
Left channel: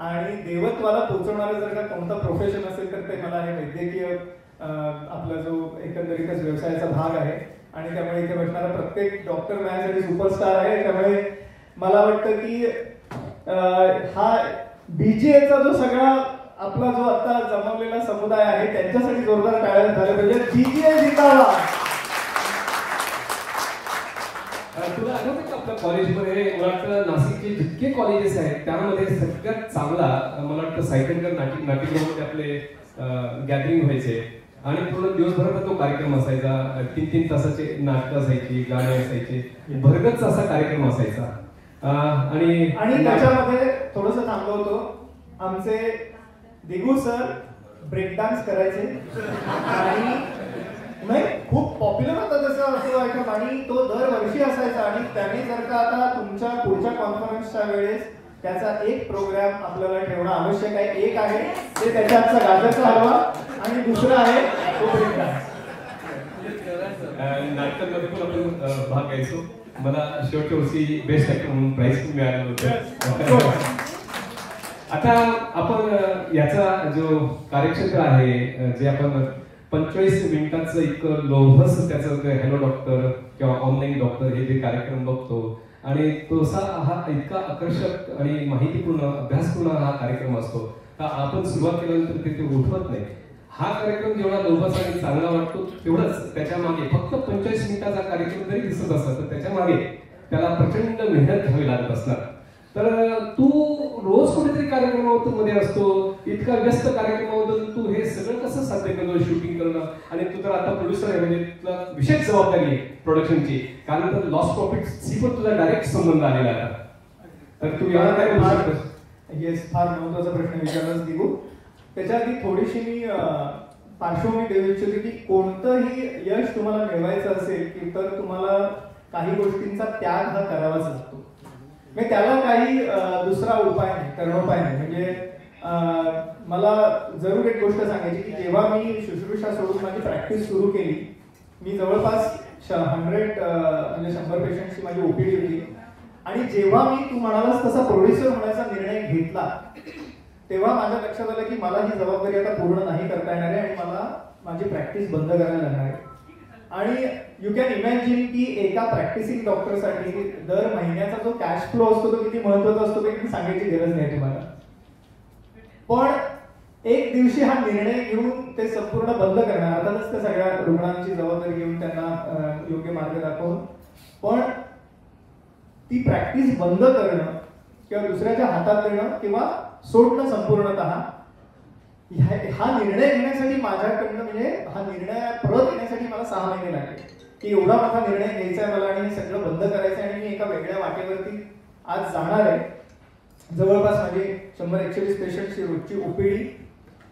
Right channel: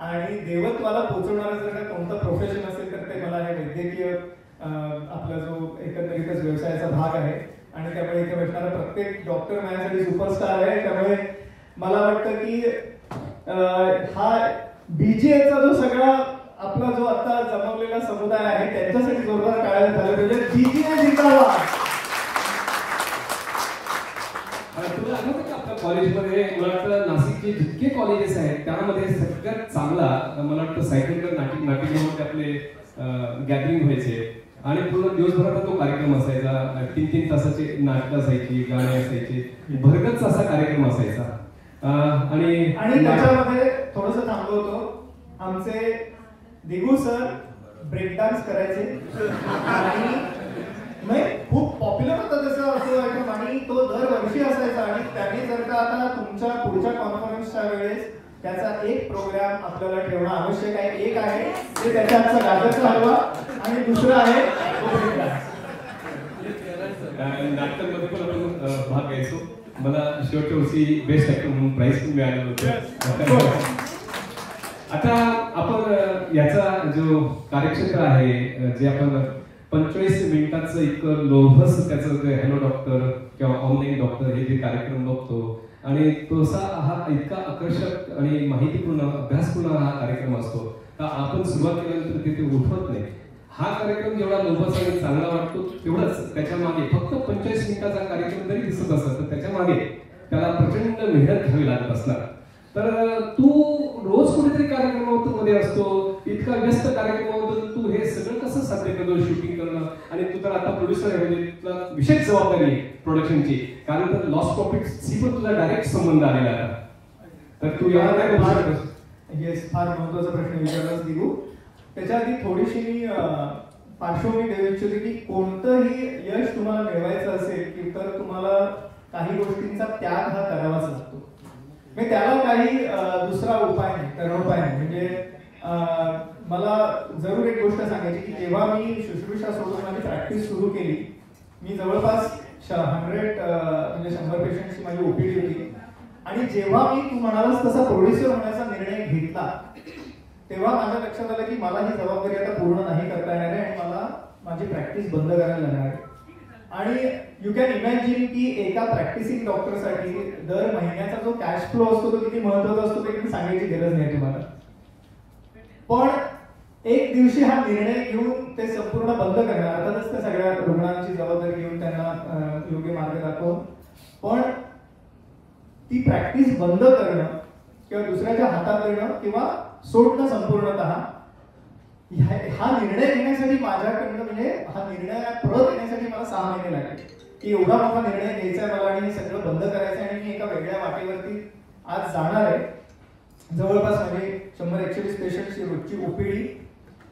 आणि देवत्वाला पोहोचवणारा जर का कोणता प्रोफेशन असेल तर ते मला हे वैद्यकीय आपला जो एकंदरीतच व्यवसायाचा भाग आहे. आणि त्यामुळे इथे बसणारा प्रत्येक डॉक्टर माझ्यासाठी सुपरस्टार आहे. त्यामुळे मला वाटतं की हा BGAचा जो सगळा आपला जो आता जमवलेला समुदाय आहे त्यांच्यासाठी जोरदार टाळ्या झाल्या पाहिजे. BGA जिंदाबाद. तुला आठवतं का आपल्या कॉलेजमध्ये, मला वाटतं नाशिकचे जितके कॉलेजेस आहेत त्यामध्ये सगळ्यात चांगला मला वाटतं सायकलकर नाट्यगृहामध्ये आपले गॅदरिंग व्हायचे आणि पूर्ण दिवसभराचा तो कार्यक्रम असायचा. 3-3 तासाचे नाटकं असायची, गाणी असायची, भरगच्च असा कार्यक्रम असायचा. आणि त्याच्यामध्ये थोडंसं थांबलो होतो. आमचे दिगू सर ब्रेक डान्स करायचे आणि नाही खूप पॉप्युलर होता तसं असं ऐकलं. आणि तो दरवर्षी असायचा. आणि त्याने जर का आता तुमच्या पुढच्या कॉन्फरन्सच्या वेळेस त्याचा एक प्रोग्राम आपल्याला ठेवणं आवश्यक आहे. एक आहे ते त्याच्याचा गाजरचा हलवा आणि दुसरं आहे तो ब्रेक डान्स. नाटकांमध्ये पण आपण भाग घ्यायचो. मला शेवटच्या वर्षी बेस्ट ऍक्टर म्हणून प्राइज पण मिळालं होतं. आता आपण याचा जो कार्यक्षेत्र आहे, जे आपण 45 मिनिटाचं इतकं लोभस त्याचं हॅलो डॉक्टर किंवा ऑनलाईन डॉक्टर हे जे कार्यक्रम बघतो आणि तसा हा इतका आकर्षक आणि माहितीपूर्ण अभ्यासपूर्ण हा कार्यक्रम असतो. तर आपण सुरुवात केल्यानंतर ते उठवत नाही. हा कार्यक्रम जेवढा लोभस आणि चांगला वाटतो तेवढंच त्याच्या मागे फक्त 45 मिनिटाचा कार्यक्रम जरी दिसत असला तर त्याच्या मागे त्याला प्रचंड मेहनत घ्यावी लागत असणार. तर तू रोज कुठेतरी कार्यक्रमामध्ये असतो, इतका व्यस्त कार्यक्रमामधून तू हे सगळं कसं साध्य करतो, शूटिंग करणं. आणि तू तर आता प्रोड्युसर आहे, म्हणजे तुला विशेष जबाबदारी आहे प्रोडक्शनची, कारण तर लॉस प्रॉफिटशी पण तुझा डायरेक्ट संबंध आलेला आहे. तर तू याला काय बोलू शकतोस? येस, फार महत्वाचा प्रश्न विचारलास दिगू. त्याच्या आधी थोडीशी मी पार्श्वभूमी देऊ इच्छितो की कोणतंही यश तुम्हाला मिळवायचं असेल की तर तुम्हाला काही गोष्टींचा त्याग हा करावाच लागतो. म्हणजे त्याला काही दुसरा उपाय नाही, करणोपाय नाही. म्हणजे मला जरूर एक गोष्ट सांगायची की जेव्हा मी शुश्रूषा सोडून माझी प्रॅक्टिस सुरू केली, मी जवळपास 100 पेशंटची माझी ओपीडी होती. आणि जेव्हा मी तू म्हणालास तसा प्रोड्युसर होण्याचा निर्णय घेतला तेव्हा माझ्या लक्षात आलं की मला ही जबाबदारी आता पूर्ण नाही करता येणार आहे आणि मला माझी प्रॅक्टिस बंद करायला लागणार आहे. आणि यू कॅन इमॅजिन की एका प्रॅक्टिसिंग डॉक्टरसाठी दर महिन्याचा जो कॅश फ्लो असतो तो किती महत्त्वाचा असतो ते मी सांगायची गरज नाही तुम्हाला. पण एक दिवशी हा निर्णय घेऊन ते संपूर्ण बंद करणार, अर्थातच त्या सगळ्या रुग्णांची जबाबदारी घेऊन त्यांना योग्य मार्ग दाखवून, पण ती प्रॅक्टिस बंद करणं किंवा दुसऱ्याच्या हातात देणं किंवा सोडणं संपूर्णतः हा निर्णय घेण्यासाठी माझ्याकडनं म्हणजे हा निर्णय परत येण्यासाठी मला 6 महिने लागले की एवढा मोठा निर्णय घ्यायचा आहे मला आणि हे सगळं बंद करायचं आहे. आणि मी एका वेगळ्या वाटेवरती आज जाणार आहे. जवळपास माझी 100-120 पेशंटची रोजची ओपीडी,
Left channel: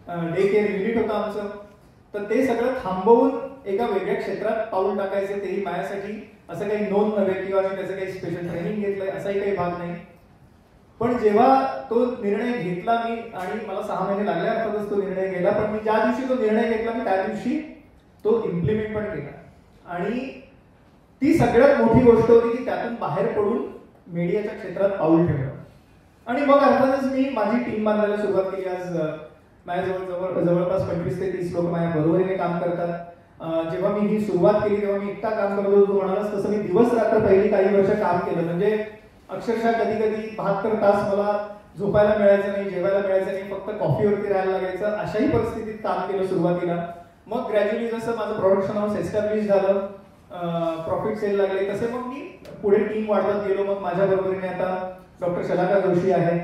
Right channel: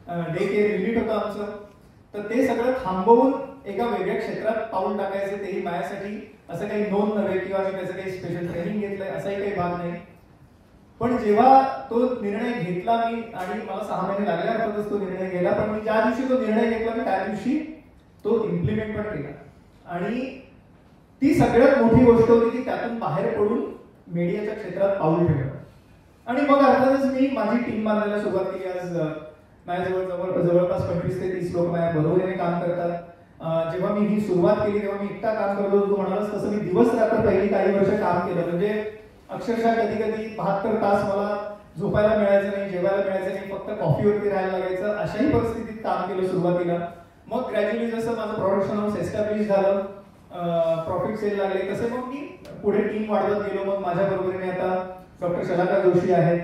डे केअर युनिट होतं आमचं. तर ते सगळं थांबवून एका वेगळ्या क्षेत्रात पाऊल टाकायचे, तेही माझ्यासाठी असं काही नोंद नव्हे किंवा मी त्याचं काही स्पेशल ट्रेनिंग घेतलंय असाही काही भाग नाही. पण जेव्हा तो निर्णय घेतला मी आणि मला 6 महिने लागले अर्थातच तो निर्णय घेतला, पण मी ज्या दिवशी तो निर्णय घेतला मी त्या दिवशी तो इम्प्लिमेंट पण केला. आणि ती सगळ्यात मोठी गोष्ट होती की त्यातून बाहेर पडून मीडियाच्या क्षेत्रात पाऊल ठेवणं. आणि मग अर्थातच मी माझी टीम बांधायला सुरुवात केली. आज माझ्याजवळ जवळपास 25 ते 30 लोक माझ्या बरोबरीने काम करतात. जेव्हा मी ही सुरुवात केली तेव्हा मी एकटा काम करत होतो. म्हणालास तसं मी दिवस रात्र पहिली काही वर्ष काम केलं. म्हणजे अक्षरशः कधी कधी 72 तास मला झोपायला मिळायचं नाही, जेवायला मिळायचं नाही, फक्त कॉफीवरती राहायला लागायचं. अशाही परिस्थितीत काम केलं सुरुवातीला. मग ग्रॅज्युअली जसं माझं प्रोडक्शन हाऊस एस्टॅब्लिश झालं, प्रॉफिट सेल लागले, तसे मग मी पुढे टीम वाढवत गेलो. मग माझ्या बरोबरीने आता डॉक्टर शलाका जोशी आहे,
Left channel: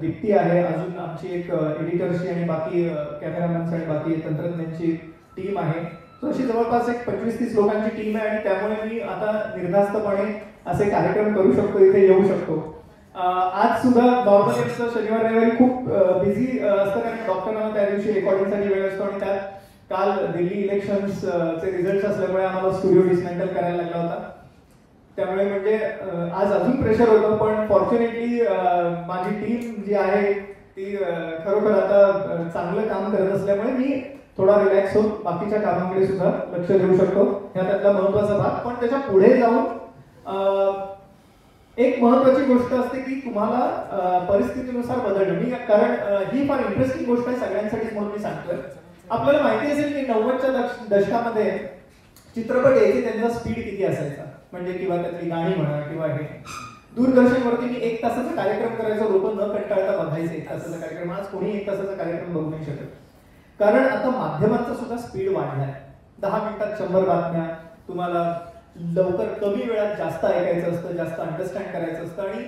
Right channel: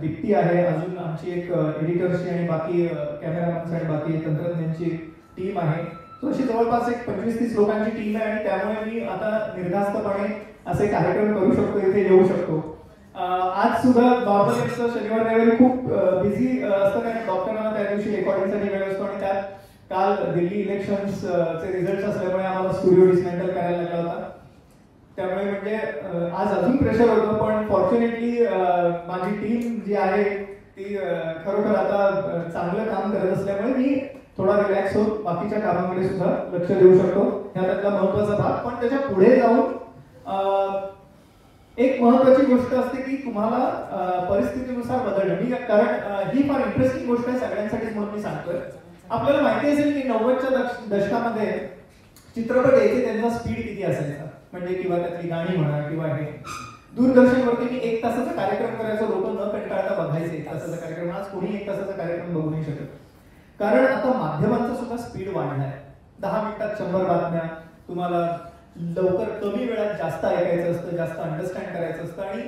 दीप्ती आहे, अजून आमची एक एडिटर्सची आणि बाकी कॅमेरामॅन्स आणि बाकी तंत्रज्ञांची टीम आहे. सो अशी जवळपास एक 25-30 लोकांची टीम आहे. आणि त्यामुळे मी आता निर्धास्तपणे असे कार्यक्रम करू शकतो, इथे येऊ शकतो. आज सुद्धा नॉर्मली असतं शनिवार रविवारी खूप बिझी असतं कारण डॉक्टरांना त्या दिवशी रेकॉर्डिंगसाठी वेळ असतो आणि त्यात काल दिल्ली इलेक्शन्सचे रिझल्ट असल्यामुळे आम्हाला स्टुडिओ डिसमेंटल करायला लागला होता. त्यामुळे म्हणजे आज अजून प्रेशर होतं पण फॉर्च्युनेटली माझी टीम जी आहे ती खरोखर आता चांगलं काम करत असल्यामुळे मी थोडा रिलॅक्स होऊन बाकीच्या कामाकडे सुद्धा लक्ष देऊ शकतो. हा त्यातला महत्वाचा भाग. पण त्याच्या पुढे जाऊन एक महत्वाची गोष्ट असते की तुम्हाला परिस्थितीनुसार बदलणं. मी कारण ही फार इंटरेस्टिंग गोष्ट आहे सगळ्यांसाठीच म्हणून मी सांगतोय. आपल्याला माहिती असेल की 90च्या दशकामध्ये चित्रपट यायचे त्यांचा स्पीड किती असायचा म्हणजे किंवा त्यातली गाणी म्हणा किंवा हे दूरदर्शनवरती मी 1 तासाचा कार्यक्रम करायचो. लोक न कंटाळता बघायचे 1 तासाचा कार्यक्रम. आज कोणी 1 तासाचा कार्यक्रम बघू नाही शकत कारण आता माध्यमांचा सुद्धा स्पीड वाढलाय. 10 मिनिटात 100 बातम्या. तुम्हाला लवकर कमी वेळात जास्त ऐकायचं असतं, जास्त अंडरस्टँड करायचं असतं आणि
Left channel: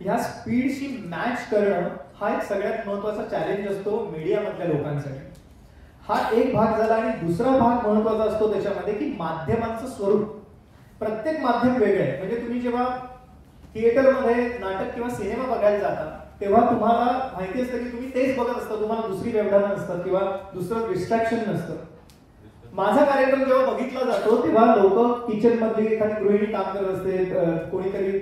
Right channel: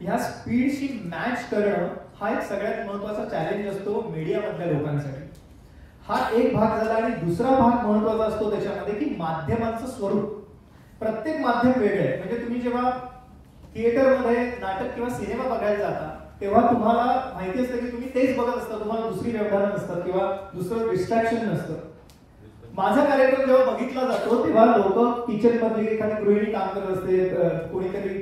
ह्या स्पीडशी मॅच करणं हा एक सगळ्यात महत्वाचा चॅलेंज असतो मीडियामधल्या लोकांसाठी. हा एक भाग झाला आणि दुसरा भाग महत्वाचा असतो त्याच्यामध्ये की माध्यमांचं स्वरूप. प्रत्येक माध्यम वेगळं आहे. म्हणजे तुम्ही जेव्हा थिएटरमध्ये नाटक किंवा सिनेमा बघायला जाता तेव्हा तुम्हाला माहिती असतं की तुम्ही तेच बघत असता. तुम्हाला दुसरी व्यवधानं नसतात किंवा दुसरं डिस्ट्रॅक्शन नसतं. माझा कार्यक्रम जेव्हा बघितला जातो तेव्हा लोक किचन मध्ये एखादी गृहिणी काम करत असते, कोणीतरी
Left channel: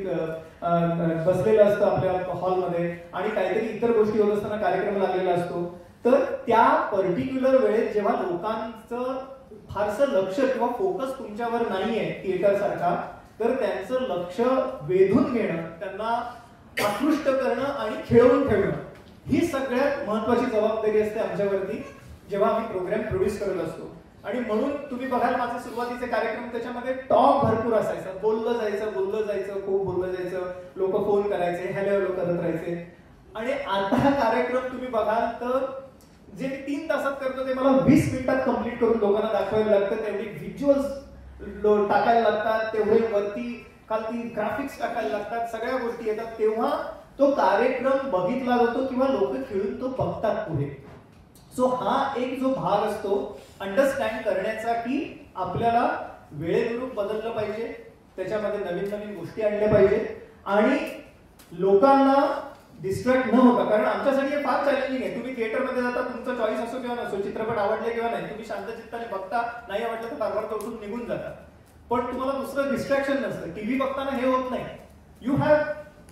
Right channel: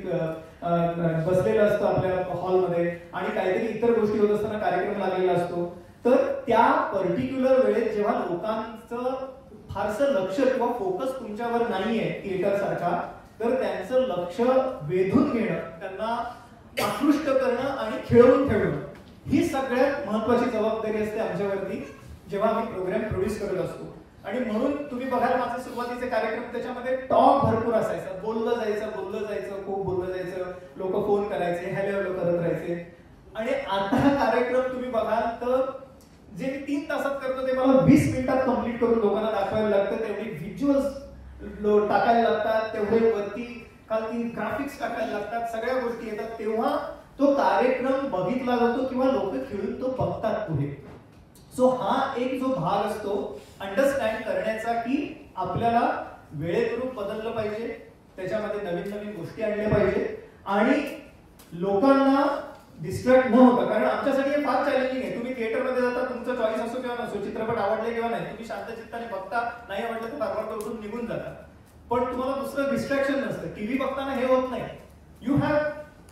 बसलेलं असतं आपल्या हॉलमध्ये आणि काहीतरी इतर गोष्टी होत असताना कार्यक्रम लागलेला असतो. तर त्या पर्टिक्युलर वेळेत जेव्हा लोकांचं फारसं लक्ष किंवा फोकस तुमच्यावर नाहीये थिएटर सारखा तर त्यांचं लक्ष वेधून घेणं, त्यांना आकृष्ट करणं आणि खेळवून ठेवणं ही सगळ्यात महत्वाची जबाबदारी असते आमच्यावरती जेव्हा आम्ही प्रोग्राम प्रोड्यूस करत असतो. आणि म्हणून तुम्ही बघाल माझे सुरुवातीचे कार्यक्रम त्याच्यामध्ये टॉक भरपूर असायचा. बोललं जायचं खूप बोललं जायचं. लोक फोन करायचे, हॅलो हॅलो करत राहायचे. आणि आता कार्यक्रम तुम्ही बघाल तर जे 3 तासात करतो ते मला 20 मिनिटात कंप्लीट करून लोकांना दाखवायला लागतं. तेवढी व्हिज्युअल्स टाकायला लागतात, तेवढे वरती खालती ग्राफिक्स टाकायला लागतात, सगळ्या गोष्टी येतात. तेव्हा तो कार्यक्रम बघितला जातो किंवा लोक खेळून तो बघतात पुढे. सो हा एक जो भाग असतो अंडरस्टँड करण्याचा की आपल्याला वेळेनुरूप बदललं पाहिजे, त्याच्यामध्ये नवीन नवीन गोष्टी आणल्या पाहिजे आणि लोकांना डिस्ट्रॅक्ट न होता. कारण आमच्यासाठी हे फार चॅलेंजिंग आहे. तुम्ही थिएटरमध्ये जाता, तुमचा चॉईस असो किंवा नसो, चित्रपट आवडले किंवा नाही, तुम्ही शांत चित्ताने बघता, नाही आवडलं तर तारवार उठून निघून जाता. पण तुम्हाला दुसरं डिस्ट्रॅक्शन नसतं. टीव्ही बघताना हे होत नाही. यू हॅव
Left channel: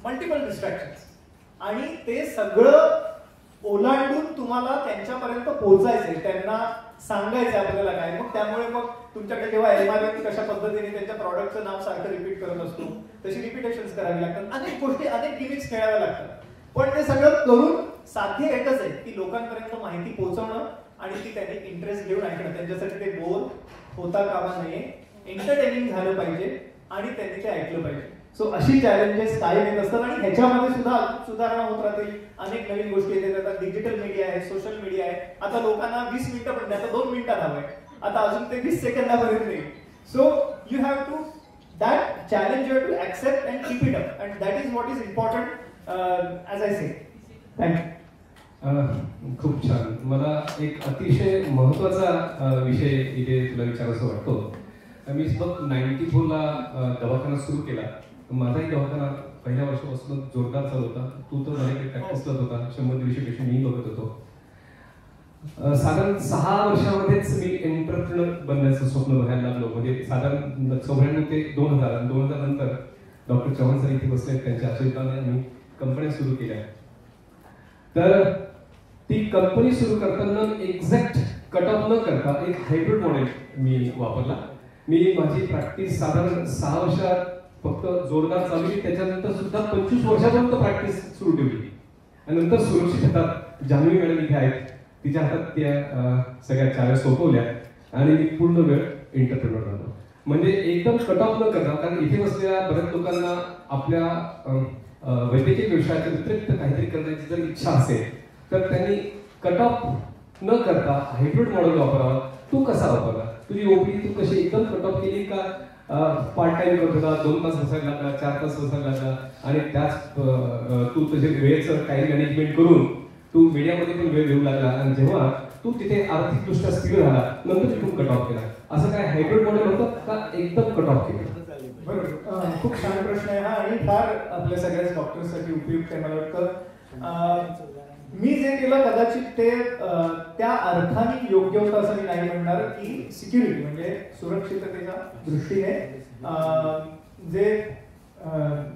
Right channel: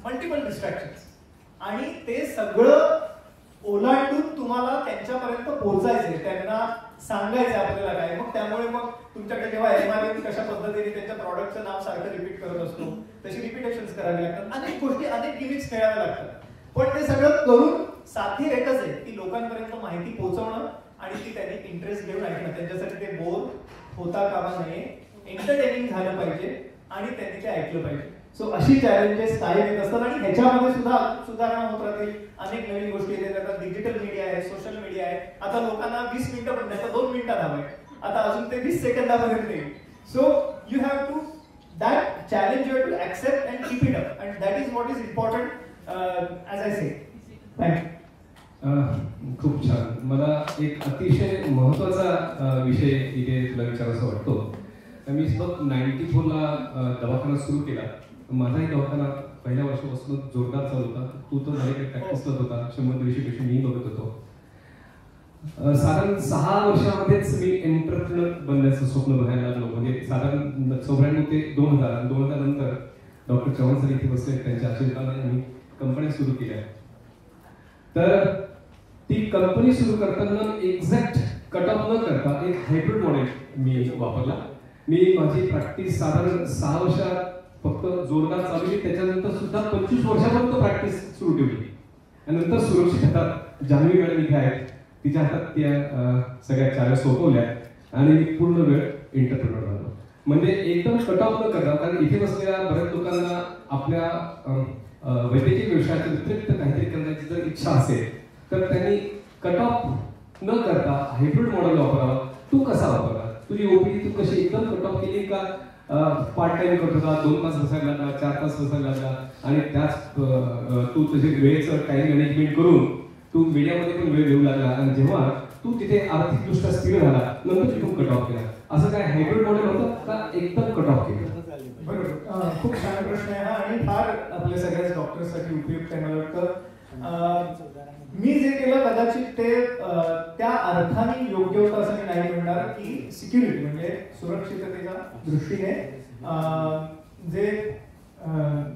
मल्टिपल डिस्ट्रॅक्शन्स आणि ते सगळं ओलांडून तुम्हाला त्यांच्यापर्यंत पोहोचायचंय, त्यांना सांगायचं आपल्याला काय. मग त्यामुळे मग तुमच्याकडे जेव्हा एमआरपी कशा पद्धतीने त्यांच्या प्रॉडक्टचं नाव सारखं रिपीट करत असतो तशी रिपिटेशन्स करावी लागतात. अनेक गोष्टी, अनेक गिमिक्स खेळाव्या लागतात. पण ते सगळं करून साथी एकच आहे की लोकांपर्यंत माहिती पोहोचवणं आणि ती त्यांनी इंटरेस्ट घेऊन ऐकणं. त्यांच्यासाठी ते बोर होता कामा नये, एंटरटेनिंग झालं पाहिजे आणि त्यांनी ते ऐकलं पाहिजे. सो अशी चॅलेंजेस कायम येत असतात आणि ह्याच्यामध्ये सुद्धा सुधारणा होत राहतील. अनेक नवीन गोष्टी येत राहतात. डिजिटल मीडिया आहे, सोशल मीडिया आहे. आता लोकांना 20 मिनिटं पण नाही, आता 2 मिनिटात हवंय. आता अजून ते 20 सेकंदापर्यंत येईल. So you have to that challenge you have to accept and keep it up and that is what is important as I say. Thank you. खूप छान. मला एक अतिशय महत्वाचा विषय इथे तुला विचारायचा वाटतो. मी सुद्धा 94ला दवाखाना सुरू केला. माझाही दवाखाना पहिल्या वर्षापासून जोरदार चालू होता. तू तर माझ्याकडे प्रॅक्टिस करत होता. 100 पेक्षा मी बघत होतो. साधारण 6 वर्षामध्येच मी एंटरप्रेनर बनण्याचं स्वप्न बघायला लागलो. म्हणजे साधारण 94 ते 2000 नंतर डॉक्टर चव्हाण सर इथे बसले. त्यांच्या आशीर्वादाने मी कंपन्या सुरू केल्या. तर ती कंपनी सुरू करताना एक्झॅक्ट कट ऑफ न करता एक हायब्रिड मॉडेल मी वापरला. मी माझी प्रॅक्टिस साधारण 6 वर्षात फक्त जोरदार चालवली. त्याच्यानंतर सुद्धा 25 वर्षापर्यंत प्रॅक्टिस सुरू ठेवली आणि नंतर सुरक्षित हातात जान्हवी मॅडम इथे आहेत, तिच्या हातात त्या सगळ्या चाव्या सोपवल्या आणि मी पूर्ण वेळ एंटरप्रेनर बनलो. म्हणजे एकदम कट ऑफ न करता, कारण इथे बसलेल्या बऱ्याच लोकांना आपल्या वैद्यकीय व्यवसायाच्या व्यतिरिक्त काहीतरी करण्याची जर इच्छा असेल तर त्यांनी कट ऑफ न करता हायब्रिड मॉडेल वापरावा. तू कसा वापरला? तुझी ओपीडी तू कशी एकदम कट ऑफ केली का पार्ट टाइम करत होता, 2 तास बसायला लागला, 4 तास बसायला लागला आणि त्याच तू तुझे वेळेचं टाइम मॅनेजमेंट करून तू मीडियामध्ये पण वेळ देऊ लागला आणि जेव्हा तू तिथे आर्थिकदृष्ट्या स्थिर झाला नंतर तू कट ऑफ केला. असं काय हायब्रिड मॉडेल होतं का एकदम कट ऑफ केलं? बरोबर. खूप छान प्रश्न आहे हा आणि फार आपल्या सगळ्याच डॉक्टर्ससाठी उपयुक्त आवश्यकता आहे. मला वाटतं मी जे केलं कदाचित ते त्या अर्थाने योग्य होतं असं मी नाही म्हणणार की सिक्युरिटी म्हणजे सुरक्षिततेच्या दृष्टीने जे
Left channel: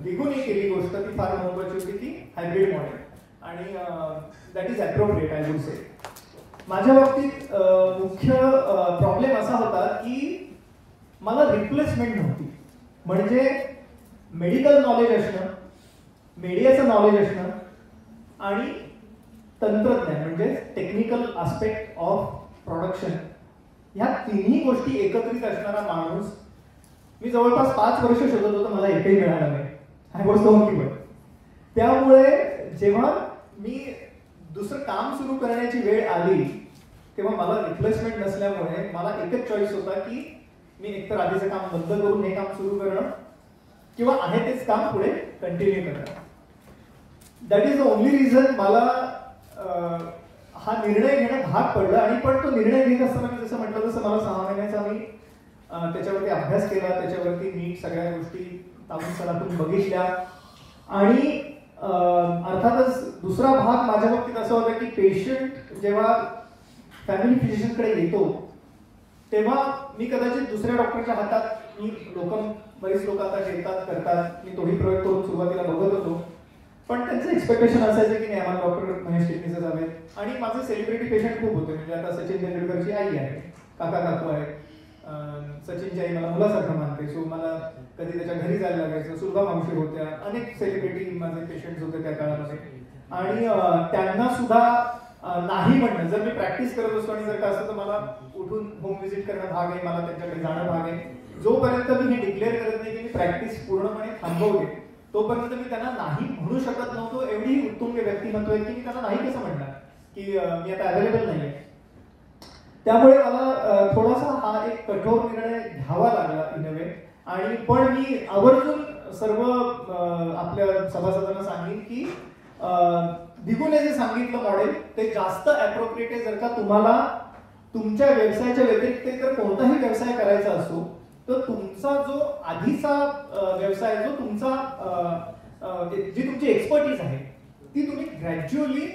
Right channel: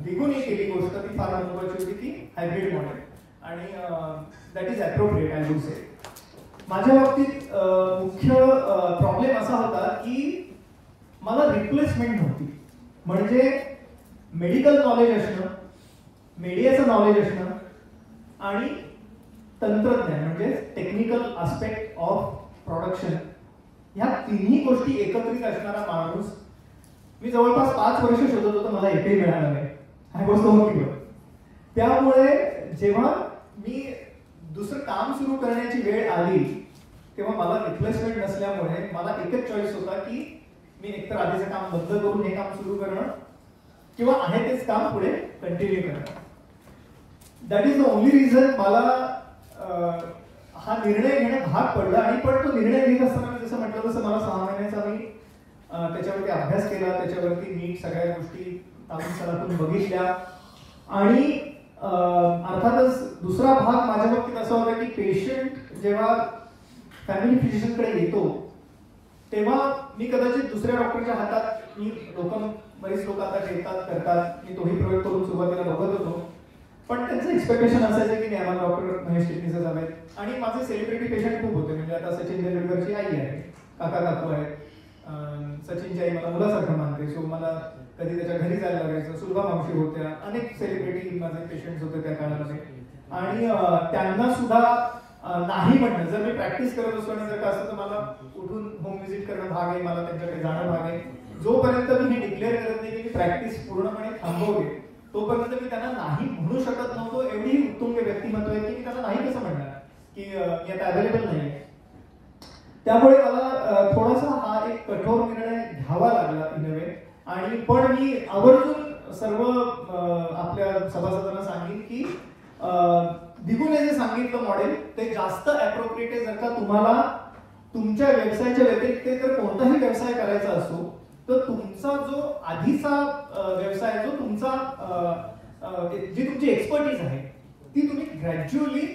दिगुनी केली गोष्ट ती फार महत्वाची होती की हायब्रिड मॉडेल आणि that is appropriate I would say. माझ्या बाबतीत मुख्य प्रॉब्लेम असा होता की मला रिप्लेसमेंट नव्हती. म्हणजे मेडिकल नॉलेज असणं, मीडियाचं नॉलेज असणं आणि तंत्रज्ञान म्हणजे टेक्निकल आस्पेक्ट ऑफ प्रोडक्शन ह्या तिन्ही गोष्टी एकत्रित असणारा माणूस मी जवळपास 5 वर्ष शोधत होतो, मला एकही मिळाला नाही. I was not clear. त्यामुळे जेव्हा मी दुसरं काम सुरू करण्याची वेळ आली तेव्हा मला रिप्लेसमेंट नसल्यामुळे मला एकच चॉईस होता की मी एकतर आधीचं काम बंद करून हे काम सुरू करणं किंवा आहे तेच काम पुढे कंटिन्यू करणं. That is the only reason मला हा निर्णय घेणं भाग पडला. आणि पण तो निर्णय घेत असताना मी जसं म्हटलं तसं मला 6 महिन्याचा मी त्याच्यावरती अभ्यास केला, त्याच्यावरती नीट सगळ्या गोष्टी तापून सरापून बघितल्या. आणि अर्थातच दुसरा भाग माझ्या बाबतीत असा होता की पेशंट जेव्हा फॅमिली फिजिशियनकडे येतो तेव्हा मी कदाचित दुसऱ्या डॉक्टरच्या हातात मी बरीच लोक आता घेतात करतात, मी तोही प्रयोग करून सुरुवातीला बघत होतो. पण त्यांचं एक्सपेक्टेशन असायचं की नाही आम्हाला डॉक्टर महेश चिटणीसच हवे. आणि माझे सेलिब्रिटी पेशंट खूप होते. म्हणजे आता सचिन तेंडुलकरची आई आहे, काका काकू आहेत, सचिनची आई मला मुलासारखं मानते, सो मला कधी त्याच्या घरी जायला लागायचं. सुलभा मावशी होत्या, अनेक सेलिब्रिटी माझे पेशंट्स होते त्या काळामध्ये. आणि त्यांना सुद्धा नाही म्हणणं, जर मी प्रॅक्टिस करत असतो आणि जर का असं तर मला उठून होम व्हिजिट करणं भाग आहे, मला त्यांच्याकडे जाणं भाग आहे. जोपर्यंत मी हे डिक्लेअर करत नाही की मी प्रॅक्टिस पूर्णपणे थांबवते तोपर्यंत मी त्यांना नाही म्हणू शकत नव्हतो. एवढी उत्तुंग व्यक्तिमत्व आहे की मी त्यांना नाही कसं म्हणणार की मी आता अवेलेबल नाही. त्यामुळे मला थोडासा हा एक कठोर निर्णय घ्यावा लागला इन अ वे. आणि पण मी आवर्जून सर्व आपल्या सभासदांना सांगेन की दिगूने जे सांगितलं मॉडेल ते जास्त अप्रोप्रिएट आहे जर का तुम्हाला तुमच्या व्यवसायाच्या व्यतिरिक्त जर कोणताही व्यवसाय करायचा असो तर तुमचा जो आधीचा व्यवसाय जो तुमचा जी तुमची एक्सपर्टीज आहे ती तुम्ही ग्रॅज्युअली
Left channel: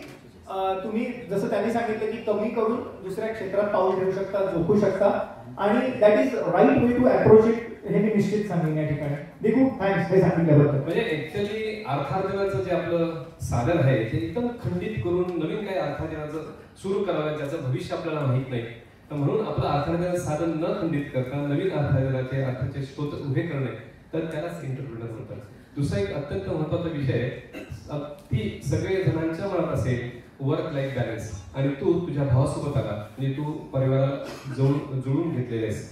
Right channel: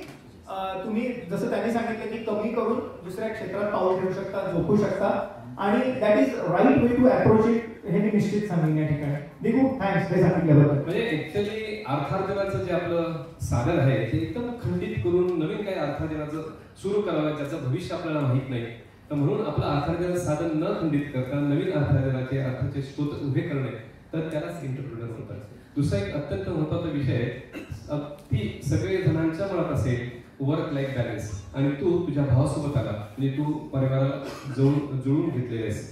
तुम्ही जसं त्यांनी सांगितलं की कमी करून दुसऱ्या क्षेत्रात पाऊल ठेवू शकता, झोपू शकता. आणि that is right way to approach it हे मी निश्चित सांगेन या ठिकाणी. दिगू थँक्स हे सांगितल्याबद्दल. म्हणजे ऍक्च्युअली अर्थार्जनाचं जे आपलं साधन आहे ते एकदम खंडित करून नवीन काही अर्थार्जनाचं सुरू करावं ज्याचं भविष्य आपल्याला माहित नाही. तर म्हणून आपलं अर्थार्जनाचं साधन न खंडित करता नवीन अर्थार्जनाचे अर्थाचे स्रोत उभे करणे तर त्यालाच एंटरप्रेन्योर म्हणतात. दुसरा एक अत्यंत महत्त्वाचा विषय आहे ती सगळे जणांच्या मनात असेल वर्क लाईफ बॅलन्स. आणि तू तुझ्या भावासोबत आला म्हणजे तू परिवाराला जुळून घेतलेले आहेस.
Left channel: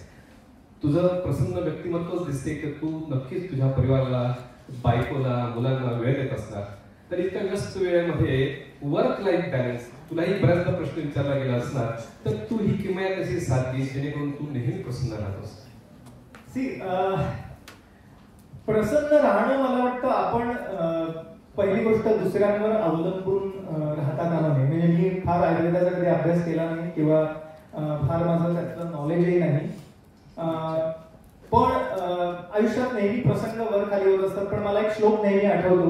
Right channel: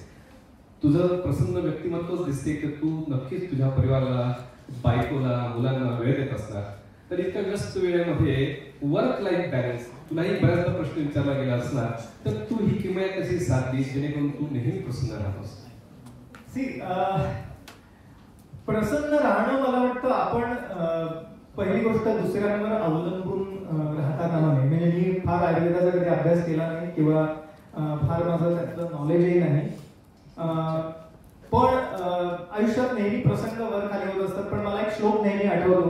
तुझं प्रसन्न व्यक्तिमत्वच दिसते की तू नक्कीच तुझ्या परिवाराला, बायकोला, मुलांना वेळ देत असणार. तर इतक्या व्यस्त वेळेमध्ये वर्क लाईफ बॅलन्स तुलाही बऱ्याचदा प्रश्न विचारला गेला असणार तर तू ही किमया कशी साधलीस जेणेकरून तू नेहमी प्रसन्न राहतोस? प्रसन्न राहणं मला वाटतं आपण पहिली गोष्ट दुसऱ्यांवर अवलंबून राहता कामा नये. म्हणजे मी फार आयुर्वेदाचा कधी अभ्यास केला नाही किंवा फार माझं त्यातलं नॉलेजही नाही. पण आयुष्यात नेहमी प्रसंग वर खाली होत असतात. पण मला एक श्लोक नेहमी आठवतो,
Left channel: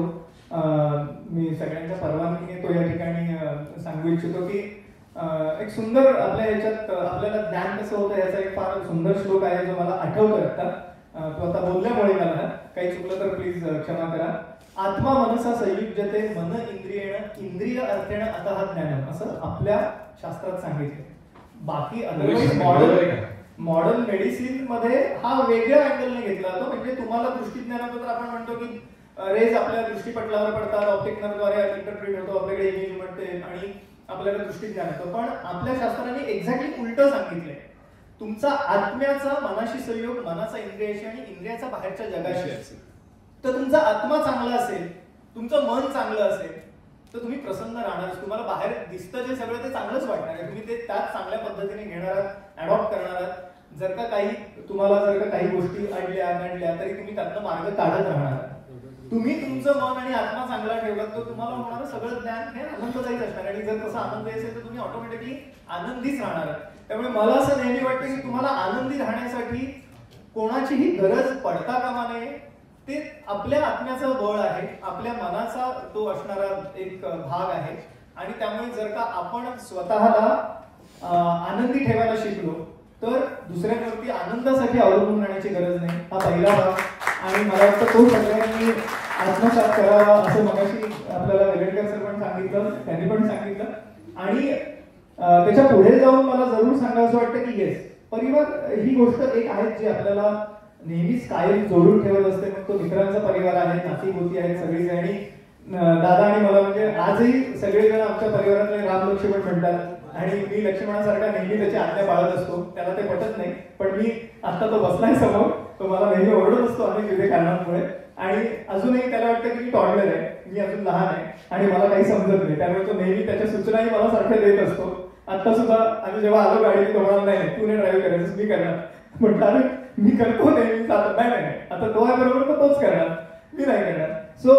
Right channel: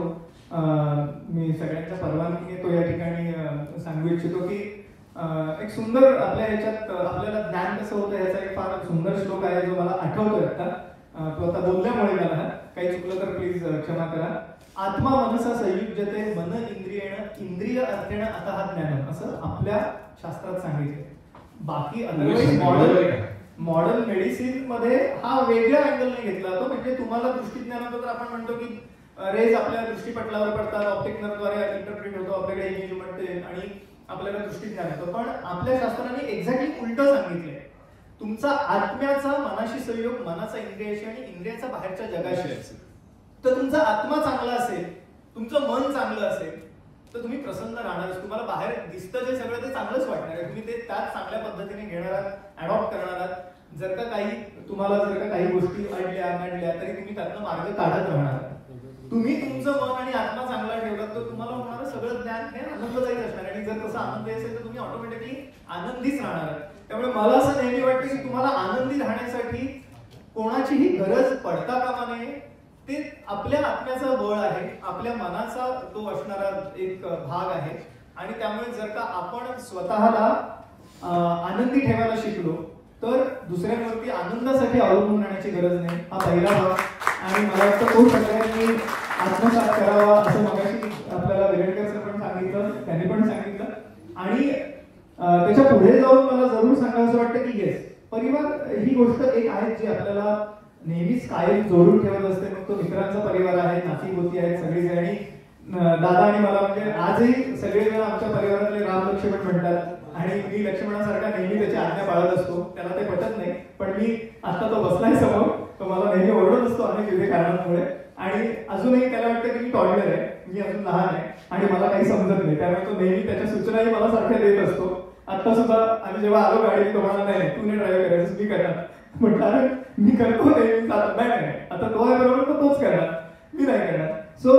मी सगळ्यांच्या परवानगीने तो या ठिकाणी सांगू इच्छितो की एक सुंदर आपल्या ह्याच्यात आपल्याला ज्ञान कसं होतं याचा एक फार सुंदर श्लोक आहे जो मला आठवतोय आता. तो आता बोलल्यामुळे मला काही चुकलं तर प्लीज क्षमा करा. आत्मा मनसा संयुज्यते मन इंद्रियेण इंद्रिय अर्थेण अतः ज्ञानम असं आपल्या शास्त्रात सांगितलं. बाकी मॉडर्न मेडिसिन मध्ये हा वेगळ्या अँगलने घेतला जातो. म्हणजे तुम्हाला दृष्टीज्ञानात तर आपण म्हणतो की रेज आपल्या दृष्टीपटलावर पडतात, ऑप्टिक नर्वद्वारे इंटरप्रिट होतो, आपल्याकडे इमेज मिळते आणि आपल्याला दृष्टीज्ञान येतं. पण आपल्या शास्त्राने एक्झॅक्टली उलट सांगितलंय. तुमचा आत्म्याचा मनाशी संयोग मनाचा इंद्रियाशी आणि इंद्रियाचा बाहेरच्या जगाशी असेल तर तुमचा आत्मा चांगला असेल, तुमचं मन चांगलं असेल तर तुम्ही प्रसन्न राहणार. तुम्हाला बाहेर दिसतं जे सगळं ते चांगलंच वाटणार आहे. तुम्ही ते त्याच चांगल्या पद्धतीने घेणार आहात, अडॉप्ट करणार आहात. जर का काही गोष्टी आणल्या तरी तुम्ही त्यातनं मार्ग काढत राहणार. तुम्ही तुमचं मन आणि आत्मा चांगला ठेवलात तर तुम्हाला होणारं सगळं ज्ञान हे आनंददायीच असणार. आणि जर तसं आनंददायी असेल तर तुम्ही ऑटोमॅटिकली आनंदीच राहणार. त्यामुळे मला असं नेहमी वाटतं की तुम्हाला आनंदी राहण्यासाठी कोणाचीही गरज पडता कामा नये. ते आपल्या आत्म्याचा बळ आहे, आपल्या मनाचा तो असणारा एक भाग आहे. आणि त्यामुळे जर का आपण स्वतःला आनंदी ठेवायला शिकलो तर दुसऱ्यांवरती आनंदासाठी अवलंबून राहण्याची गरज नाही. हा पहिला भाग. आणि मला वाटतं तो सगळ्यांनी आत्मसात करावा असं मगाशी आपल्याला वेगळकर सर पण सांगितलं, त्यांनी पण सांगितलं. आणि त्याच्या पुढे जाऊन मला जरूर सांगायचं वाटतं की येस, परिवार ही गोष्ट एक आहे जी आपल्याला नेहमीच कायम जोडून ठेवत असते. मग तो मित्रांचा परिवार आहे, नाती गोती आहेत सगळीच. आणि दादा आणि मला म्हणजे आजही सगळेजण आमच्या परिवारातले राम लक्ष्मण म्हणतात आणि मी लक्ष्मणासारखा नेहमी त्याची आज्ञा पाळत असतो. त्याला ते पटत नाही, पण मी आता तो बसलाय समोर, तो मला नेहमी ओरडत असतो अनेक विविध कारणांमुळे. आणि अजूनही त्याला वाटतं की मी टॉडलर आहे, मी अजून लहान आहे आणि मला काही समजत नाही. त्यामुळे तो नेहमी त्याच्या सूचनाही मला सारख्या देत असतो. आता सुद्धा आम्ही जेव्हा आलो गाडी तो म्हणाला नाही तू नाही ड्राईव्ह करायचं, मी करणार. म्हटलं अरे मी करतो नेहमी, नाही आता तो आहे बरोबर तर तोच करणार, मी नाही करणार. सो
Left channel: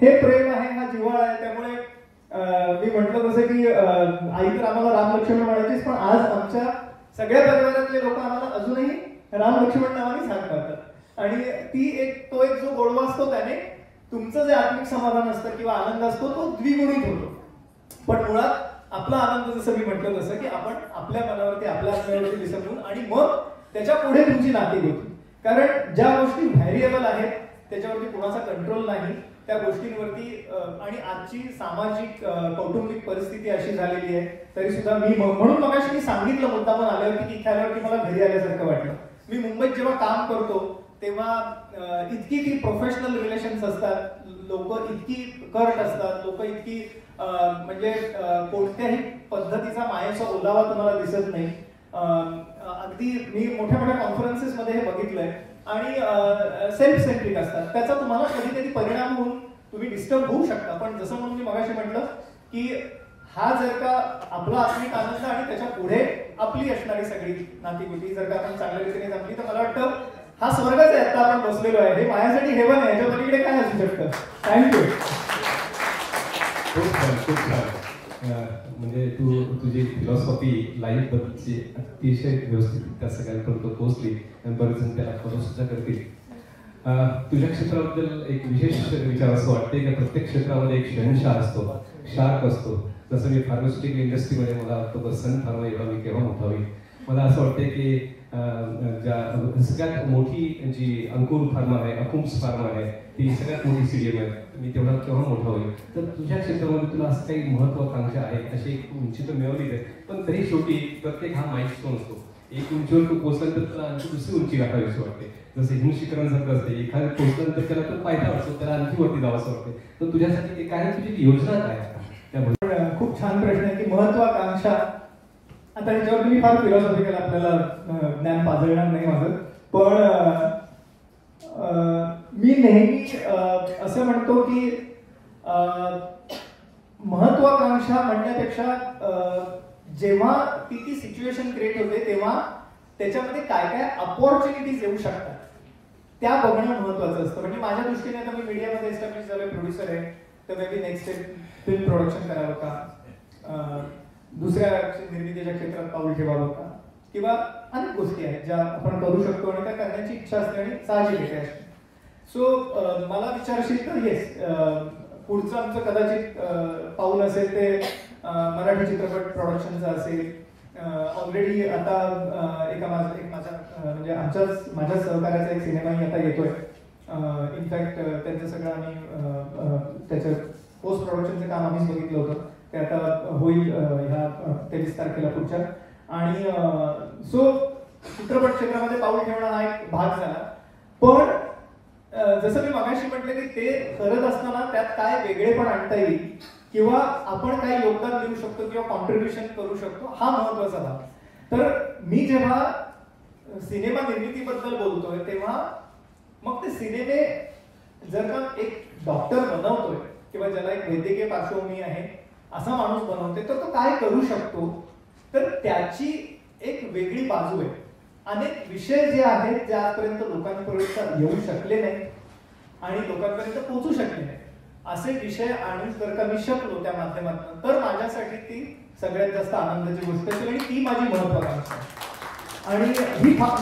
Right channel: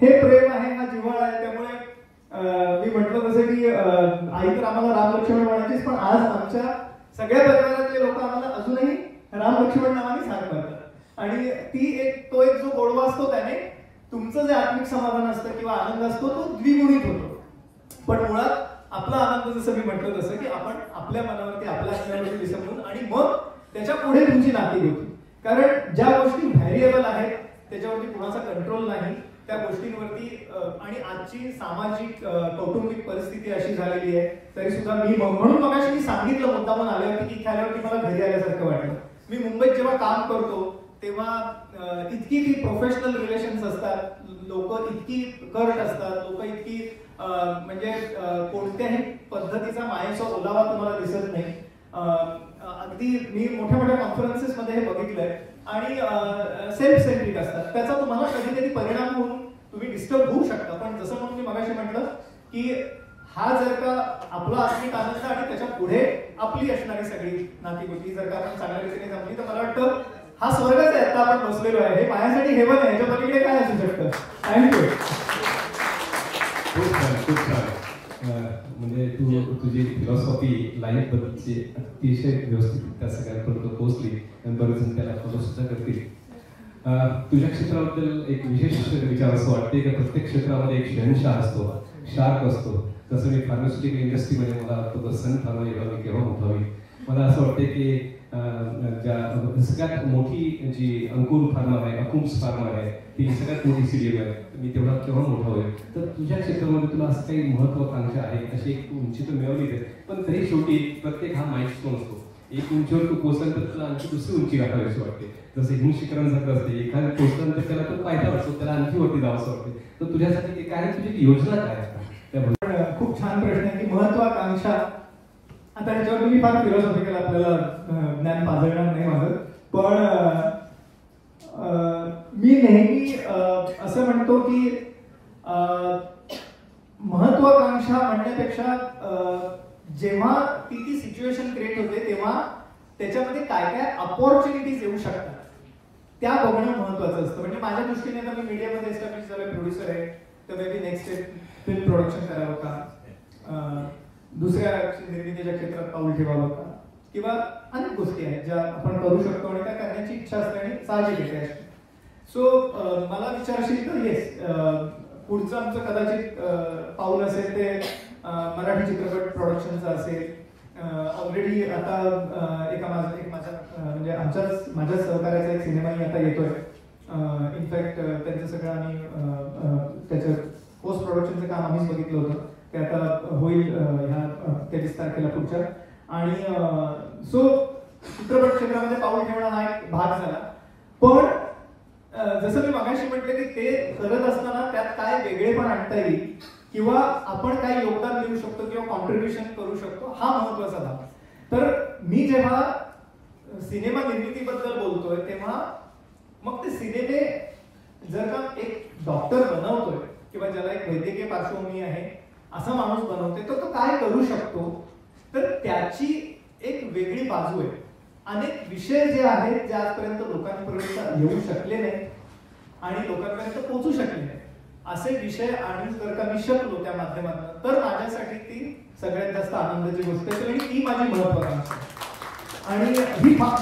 हे प्रेम आहे, हा जिव्हाळा आहे. त्यामुळे मी म्हटलं जसं की आई तर आम्हाला राम लक्ष्मण म्हणायचीच, पण आज आमच्या सगळ्या परिवारातले लोक आम्हाला अजूनही राम लक्ष्मण नावाने सांग करतात. आणि तो एक जो गोडवा असतो त्याने तुमचं जे आत्मिक समाधान असतं किंवा आनंद असतो तो द्विगुणित होतो. पण मुळात आपला आनंद जसं मी म्हटलं तसं की आपण आपल्या मनावरती आपल्या आत्म्यावरती विसरून आणि मग त्याच्या पुढे तुमची नाती होती. कारण ज्या गोष्टी व्हॅरिएबल आहेत त्याच्यावरती कोणाचा कंट्रोल नाही, त्या गोष्टींवरती. आणि आजची सामाजिक कौटुंबिक परिस्थिती अशी झालेली आहे तरी सुद्धा म्हणून मगाशी मी सांगितलं मुद्दामून आल्यावरती की आल्यावरती मला घरी आल्यासारखं वाटलं. मी मुंबईत जेव्हा काम करतो तेव्हा इतकी ती प्रोफेशनल रिलेशन्स असतात, लोक इतकी कर्ट असतात, लोक इतकी म्हणजे कोणत्याही पद्धतीचा मायेचा ओलावा तुम्हाला दिसत नाही. अगदी मी मोठ्या मोठ्या कॉन्फरन्सेस मध्ये हे बघितलंय. आणि सेल्फ सेंट्रिक असतात. त्याचा तुम्हाला कधी कधी परिणाम होऊन तुम्ही डिस्टर्ब होऊ शकता. पण जसं म्हणून मी मगाशी म्हटलं की हा जर का आपला आत्मिक आनंद आणि त्याच्या पुढे आपली असणारी सगळी नातीगोती जर का आपण चांगल्या रीतीने जमली तर मला वाटतं हा स्वर्गच आहे. आता आपण बसलेलो आहे, हे माझ्यासाठी हेवन आहे, याच्या पलीकडे काय असू शकतं. थँक्यू. खूप छान, खूप छान. म्हणजे तुझी फिलॉसॉफी लाईफ बद्दलची अतिशय व्यवस्थित त्या सगळ्यांपर्यंत पोहोचली आणि बरेच जण त्याला फॉलो सुद्धा करतील. तुझ्या क्षेत्राबद्दल एक विशेष विचार असं वाटते की प्रत्येक क्षेत्रामध्ये एक शहनशाह असतो, शार्क असतो. जसं मी फार्मास्युटिकल इंडस्ट्रीमध्ये मला वाटतं सन फार्मा मी केव्हा उठावी. मला असं वाटतं की ज्या सगळ्यात मोठी जी अंकुर फार्मा आहे, अकुम्स फार्मा आहे, ती सगळ्यात मोठी CDMO आहे. मी केव्हा मोठा होईल. तर तुझ्या क्षेत्रामध्ये तुला असं काही महत्वाकांक्षा आहे, अशी एक उंची तर मिळवलीच आहे, पण तरी शेवटी प्रत्येक हा माइलस्टोन असतो. एक उंचीवर तू पोहोचला तर तुला आणखी दुसरी उंची गाठावीशी वाटते. जसं हिमशिखरण सारखं असते, एखाद्या पोहोचल्यानंतर त्याला तो पायथा असतो, त्याला आणखी वरती जावं असं वाटते. तर तुझ्यासाठी काय तुझी योजना काय? खूप छान प्रश्न आहे की महत्वाकांक्षा. आता ह्याच्यावर मी फार फिलॉसॉफिकल आपल्याला ज्ञान पाजळणार नाही माझं, पण मी नेहमी असं म्हणतो की महत्वाकांक्षा म्हणण्यापेक्षा जेव्हा ती सिच्युएशन क्रिएट होते तेव्हा त्याच्यामध्ये काय काय अपॉर्च्युनिटीज येऊ शकतात त्या बघणं महत्वाचं असतं. म्हणजे माझ्या दृष्टीने आता मी मीडियामध्ये एस्टॅब्लिश झालोय, प्रोड्युसर आहे, तर may be next film production करावं का, दुसऱ्या निर्मितीच्या क्षेत्रात पाऊल ठेवावं का, किंवा अनेक गोष्टी आहेत ज्या आपण करू शकतो आणि त्या करण्याची इच्छा असते आणि साहजिक आहे. सो मला विचारशील तर येस, पुढचं आमचं कदाचित पाऊल असेल ते मराठी चित्रपट प्रोडक्शनचं असेल. ऑलरेडी आता म्हणजे माझ्या सहकार्याचा एक सिनेमाही आता येतोय. इनफॅक्ट त्यांचं सगळं आम्ही त्याचं पोस्ट प्रोडक्शनचं काम आम्हीच बघितलं होतं, ते आता होईल ह्या 23 तारखेला पुढच्या. आणि सो चित्रपट क्षेत्रामध्ये पाऊल ठेवणं हा एक भाग झाला. पण जसं मी मगाशी म्हटलं की ते करत असताना त्यात काय वेगळेपण आणता येईल किंवा आपण काय योगदान देऊ शकतो किंवा कॉन्ट्रीब्युशन करू शकतो, हा महत्वाचा भाग. तर मी जेव्हा सिनेमा निर्मितीबद्दल बोलतोय तेव्हा मग ते सिनेमे जर का एक डॉक्टर बनवतोय किंवा ज्याला एक वैद्यकीय पार्श्वभूमी आहे असा माणूस बनवतोय तर तो काय करू शकतो, तर त्याची एक वेगळी बाजू आहे. अनेक विषय जे आहेत जे आजपर्यंत लोकांपर्यंत येऊ शकले नाही आणि लोकांपर्यंत पोहोचू शकले नाही असे विषय आणि जर का मी शकलो त्या माध्यमातून तर माझ्यासाठी ती सगळ्यात जास्त आनंदाची गोष्ट असेल आणि ती माझी महत्वाकांक्षा. आणि हे फार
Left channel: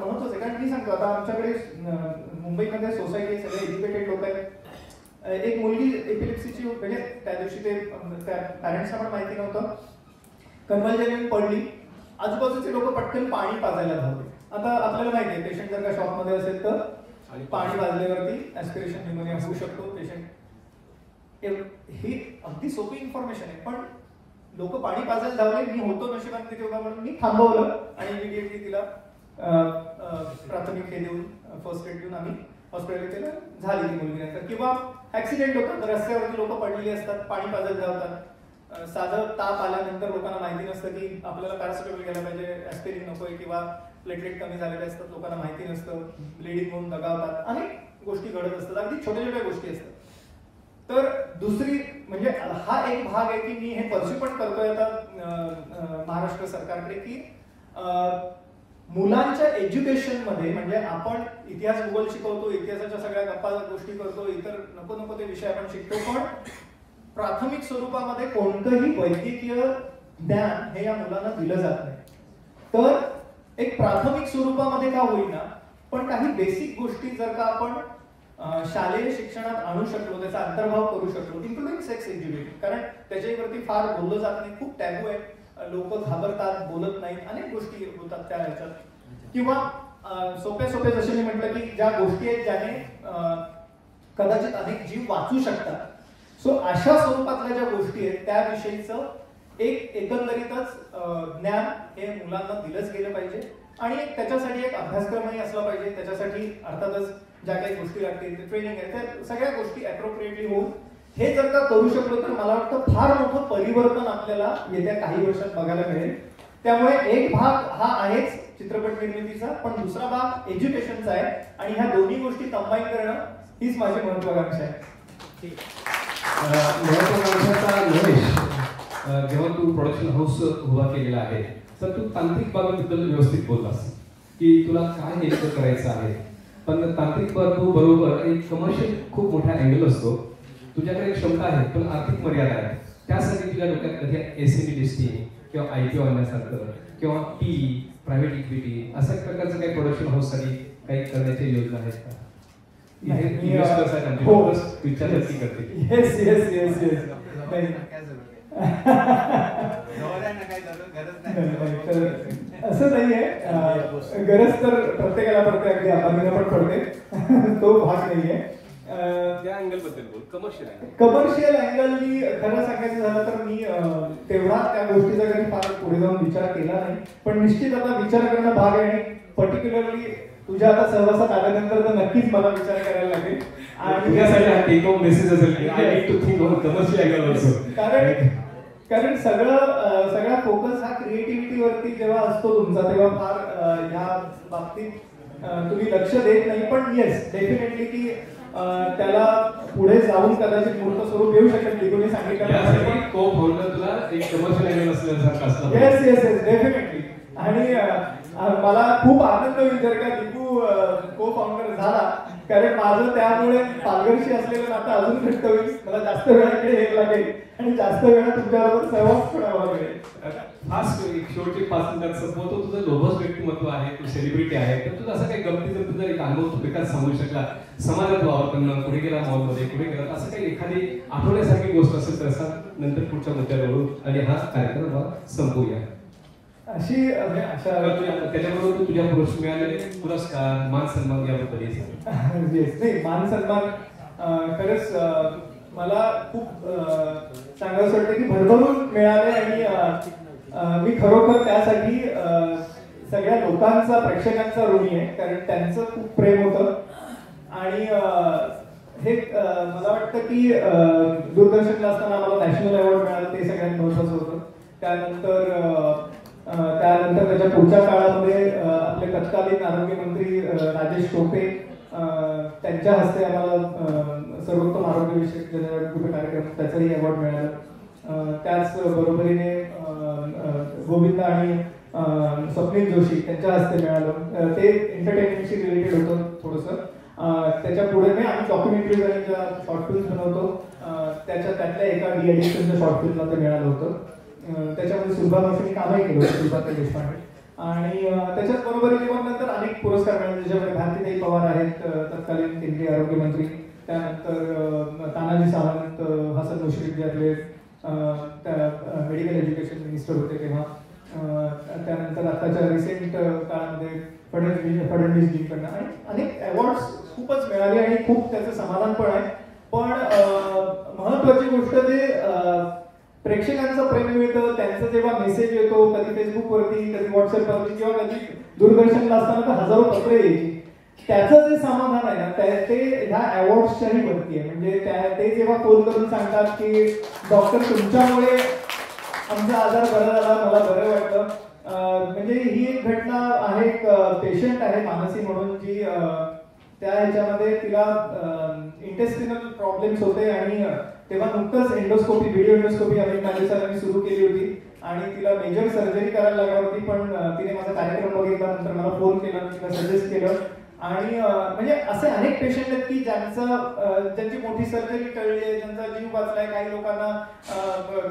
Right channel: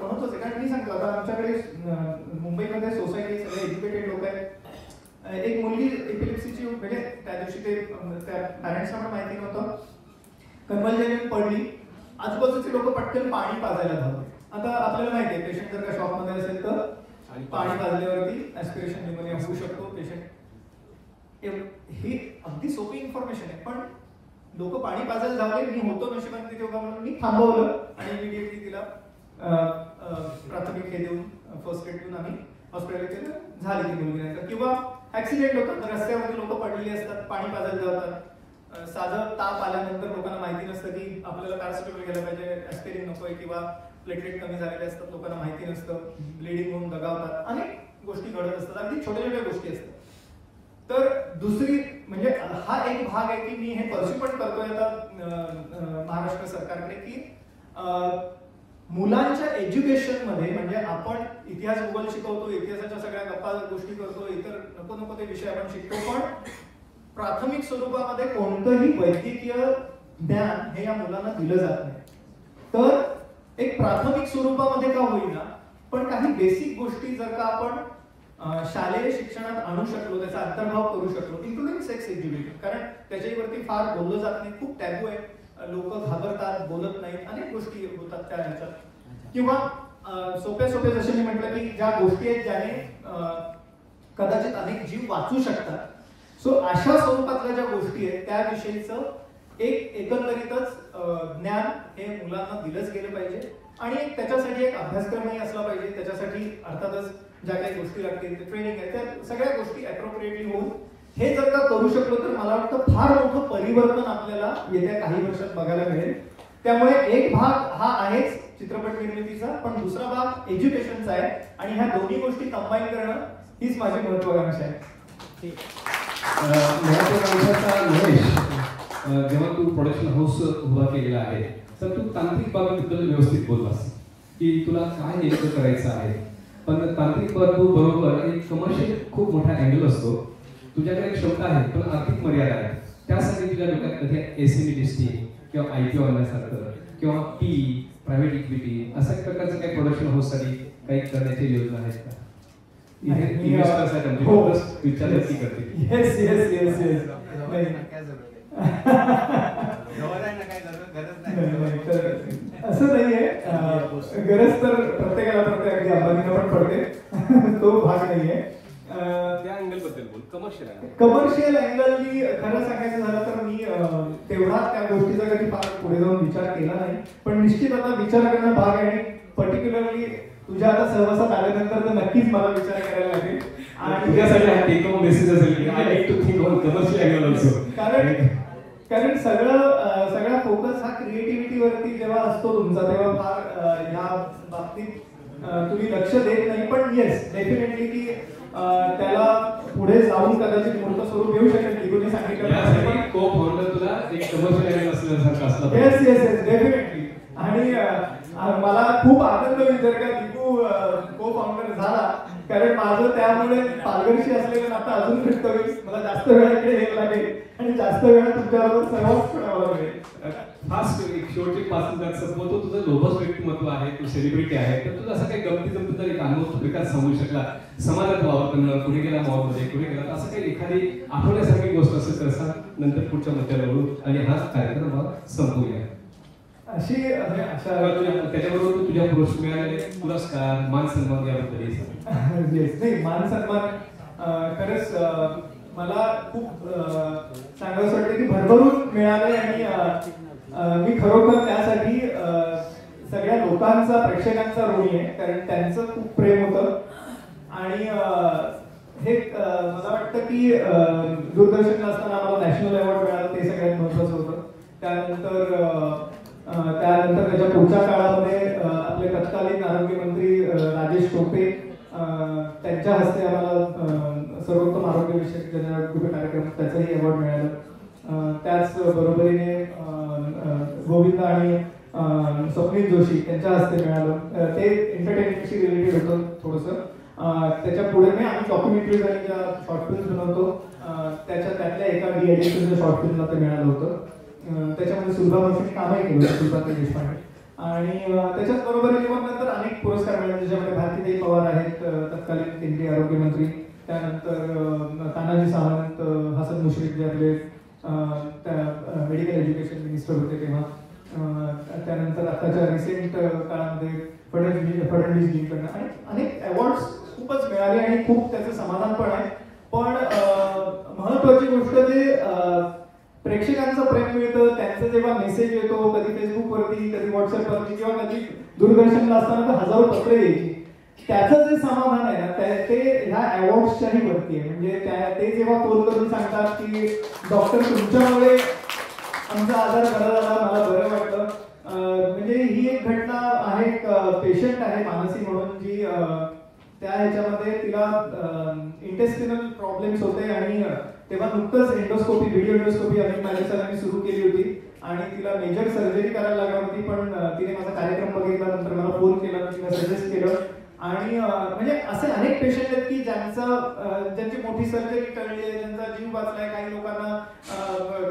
महत्वाचं आहे कारण मी सांगतो आता आमच्याकडे मुंबईमध्ये सोसायटी सगळे एज्युकेटेड लोक आहेत. एक मुलगी एपिलेप्सीची म्हणजे त्या दिवशी ते त्या पॅरेंट्सना पण माहिती नव्हतं, कन्व्हल्जन पडली, आजूबाजूचे लोक पटकन पाणी पाजायला धावले. आता आपल्याला माहिती आहे पेशंट जर का शॉकमध्ये असेल तर पाणी पाजल्यावरती ऍस्पिरेशन न्यूमोनिया होऊ शकतो पेशंट. ही अगदी सोपी इन्फॉर्मेशन आहे, पण लोक पाणी पाजायला धावले. मी होतो नशिबात तिथे उभा म्हणून मी थांबवलं आणि इमिडिएटली तिला प्राथमिक हे देऊन फर्स्ट एड देऊन आम्ही हॉस्पिटलला केलं, झाली ती मुलगी. नंतर किंवा ऍक्सिडेंट होतात, रस्त्यावरती लोक पडलेली असतात, पाणी पाजायला धावतात. साधं ताप आल्यानंतर लोकांना माहिती नसतं की आपल्याला पॅरासिटामॉल घ्यायला पाहिजे, ऍस्पिरिन नकोय, किंवा प्लेटलेट कमी झालेले असतात, लोकांना माहिती नसतं, ब्लिडिंग होऊन दगावतात, अनेक गोष्टी घडत असतात, अगदी छोट्या छोट्या गोष्टी असतात. तर दुसरी म्हणजे हा एक भाग आहे की मी हे परस्यू पण करतोय आता महाराष्ट्र सरकारकडे की मुलांच्या एज्युकेशन मध्ये, म्हणजे आपण इतिहास भूगोल शिकवतो, इतिहासाच्या सगळ्या गप्पा गोष्टी करतो, इतर नको नको ते विषय आपण शिकतो, पण प्राथमिक स्वरूपामध्ये कोणतंही वैद्यकीय ज्ञान हे या मुलांना दिलं जात नाही. तर एक प्राथमिक स्वरूपामध्ये का होईना पण काही बेसिक गोष्टी जर का आपण शालेय शिक्षणात आणू शकलो, त्याचा अंतर्भाव करू शकलो, इन्क्लुडिंग सेक्स एज्युकेशन, कारण त्याच्यावरती फार बोललं जात नाही, खूप टॅबू आहे, लोक घाबरतात, बोलत नाहीत, अनेक गोष्टी होतात त्या ह्याच्यात. किंवा सोप्या सोप्या जसे मी म्हटलं की ज्या गोष्टी आहेत ज्याने कदाचित अनेक जीव वाचू शकतात, सो अशा स्वरूपातल्या ज्या गोष्टी आहेत त्याविषयीचं एक एकंदरीतच ज्ञान हे मुलांना दिलंच गेलं पाहिजे. आणि त्याच्यासाठी एक अभ्यासक्रमही असला पाहिजे, त्याच्यासाठी अर्थातच ज्या काही गोष्टी लागतील ट्रेनिंग आहे त्या सगळ्या गोष्टी अप्रोप्रिएटली होऊन हे जर का करू शकलो तर मला वाटतं फार मोठं परिवर्तन आपल्याला येत्या काही वर्षात बघायला मिळेल. त्यामुळे एक भाग हा आहेच चित्रपट निर्मितीचा, पण दुसरा भाग एज्युकेशनचा आहे, आणि ह्या दोन्ही गोष्टी कंबाईन करणं हीच माझी महत्त्वाकांक्षा आहे. जेव्हा तू प्रोडक्शन हाऊस उभा केलेला आहे तर तू तांत्रिक बाबीबद्दल व्यवस्थित बोललास की तुला काय नेमकं करायचं आहे, पण तांत्रिक बाबू बरोबर एक कमर्शियल खूप मोठा अँगल असतो. तुझ्याकडे क्षमता आहे पण आर्थिक मर्यादा आहे, त्यासाठी तुझ्या डोक्यात कधी एसएमई लिस्टिंग किंवा आयपीओ आणण्यासारखं किंवा प्रायव्हेट इक्विटी अशा प्रकारचं काही प्रोडक्शन हाऊससाठी काही करण्याची योजना आहेत का? असं नाहीये, गरज तर प्रत्येकाला पडते, अगदी आबांना पण पडते, तो भाग नाहीये. त्या अँगल बद्दल बोल, कमर्शियल कमर्शियल अँगलनी खरं सांगायचं झालं तर मी तेवढा त्या गोष्टीचा कधी फार पुढे जाऊन विचार केला नाही, पण निश्चित आता विचार करणं भाग आहे. पर्टिक्युलरली तुझ्या आता सहवासात आल्यानंतर तर नक्कीच मला विचार करायला लागेल. आणि तुझ्यासाठी टेक होम मेसेज असेल की I need to think on commercial angle also, कारण सगळा फोकस हा क्रिएटिव्हिटी वरती जेव्हा असतो तुमचा, तेव्हा फार ह्या बाबतीत तुम्ही लक्ष देत नाही. पण येस डेफिनेटली की त्याला पुढे जाऊन कदाचित मूर्त स्वरूप येऊ शकेल की तुम्ही सांगितलं को फाउंडर तुला एक कमर्शियल अँगल असल्यासारखं असतं. Yes yes yes definitely. आणि मला खूप आनंद होईल जर का दीपू को फाउंडर झाला, कारण माझं त्यामुळे पालघरशी असलेलं नातं अजून घट्ट होईल. मला जास्त वेळा इकडे यायला लागेल आणि जास्त वेळा तुमच्याबरोबर सहवास करावा लागेल. खास एक शेवटचे 5 मिनिटात संपवतो. तुझं लोभस व्यक्तिमत्व आहे, तू सेलिब्रिटी आहे, तर तुझं असं काही गमतीचं तुझा एक अनुभव विकास सांगू शकला, समाजात वावरताना पुढे गेला, मॉलमध्ये पुढे गेला, असं काही एखादी आठवण्यासारखी गोष्ट असेल तर सांग, नंतर पुढच्या मुद्द्यावर बोलू आणि हा कार्यक्रम संपवूया. अशी अशा त्याच्याबरोबर तुझ्या पुरस्कार मान सन्मान याबद्दल मान सन्मान खरंच मला खूप सांगायचं वाटतं की भरभरून मिळाले. आणि मी खरोखर त्यासाठी सगळ्या लोकांचा, प्रेक्षकांचा ऋणी आहे, कारण त्यांचं खूप प्रेम होतं. आणि हे मला वाटतं की दूरदर्शनला असताना मला नॅशनल अवॉर्ड मिळाला, ते सगळ्यात महत्त्वाचं होतं. त्यानंतर त्याच्या पुढच्या काळामध्ये आपले तत्कालीन आरोग्य मंत्री राजेश टोपे त्यांच्या हस्ते आम्हाला सर्वोत्तम आरोग्यविषयक जनजागृती कार्यक्रम त्याचंही अवॉर्ड मिळालं. त्याच बरोबरीने गोविंद आणि स्वप्नील जोशी त्यांच्या हस्ते मिळालं. ते एंटरटेनमेंटशी रिलेटेड होतं थोडंसं. त्याच्या पुढे आम्ही डॉक्युमेंटरीज आणि ज्या शॉर्ट फिल्म्स बनवतो त्यातल्या एका डीएडिशनच्या शॉर्ट फिल्मला ते मिळालं होतं. त्याच्यामध्ये सुलभा कामही केलं, सुलभा देशपांडे. आणि त्याच्याच बरोबरीने मग नंतर अनेक पुरस्कार मिळाले, ज्याच्यामध्ये भारतीताई पवार आहेत तत्कालीन केंद्रीय आरोग्यमंत्री, त्यानंतर तानाजी सावंत, हसन मुश्रीफ जे आपले त्या मेडिकल एज्युकेशन मिनिस्टर होते तेव्हा, त्यानंतर आताच्या रिसेंट काळामध्ये फडणवीसजींकडनं अनेक अवॉर्ड्स खूपच मिळाले आणि खूप त्याचं समाधान पण आहे. पण महत्वाची गोष्ट जे प्रेक्षकांचं प्रेम मिळतं, त्यांचं जेव्हा मेसेज येतो, कधी फेसबुकवरती, कधी व्हॉट्सअपवरती किंवा कधी दूरदर्शनला असताना तर हजारो पत्रे यायची, त्याचं जे समाधान आहे ना ते ह्या अवॉर्ड्सच्याही वरती आहे. म्हणजे ते जेव्हा फोन करून सांगतात की डॉक्टर तुमच्यामुळे आमचा आजार बरा झाला, मला बरं वाटलं. म्हणजे ही एक घटना आहे, एक पेशंट आहे मानसी म्हणून, जी त्या ह्याच्यामध्ये तिला इंटेस्टिनल प्रॉब्लेम्स होते आणि तेव्हा नुकतंच एंडोस्कोपी, व्हिडिओ एंडोस्कोपी अमित माली सरांनी सुरू केली होती आणि तिला मेजर सर्जरी करायला लागली होती. पण तिने माझा कार्यक्रम बघितला, नंतर मला फोन केला, तिला सजेस्ट केलं. आणि म्हणजे असे अनेक पेशंट आहेत की ज्यांची मोठी सर्जरी टळली आहे, ज्यांचा जीव वाचलाय. काही लोकांना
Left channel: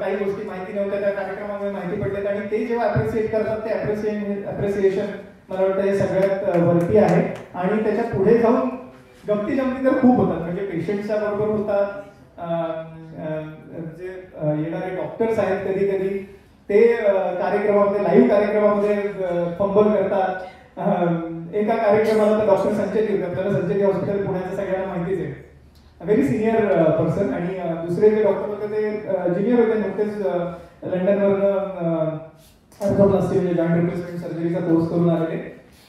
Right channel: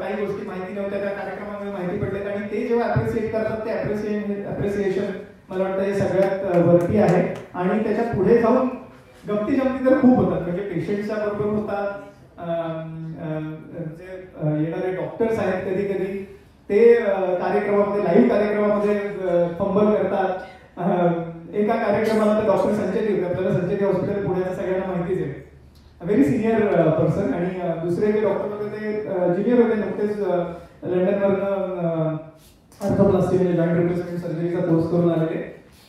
काही गोष्टी माहिती नव्हत्या, त्या कार्यक्रमामध्ये माहिती पडल्यात आणि ते जेव्हा अप्रिशिएट करतात ते अप्रिसिएशन मला वाटतं हे सगळ्यात वरती आहे. आणि त्याच्या पुढे जाऊन गमती जमती तर खूप होतात. म्हणजे पेशंटच्या बरोबर होतात, जे येणारे डॉक्टर्स आहेत कधी कधी ते कार्यक्रमामध्ये, लाईव्ह कार्यक्रमामध्ये फंबल करतात. एका कार्यक्रमाला तर डॉक्टर संचेती होते, आपल्याला संचेती हॉस्पिटल पुण्याचं सगळ्यांना माहितीच आहे, व्हेरी सिनियर पर्सन. आणि दुसरे जे डॉक्टर होते ते ज्युनियर होते, नुकतेच लंडनवरून आर्थोप्लास्टी म्हणजे जॉईंट रिप्लेसमेंट सर्जरीचा कोर्स करून आलेले,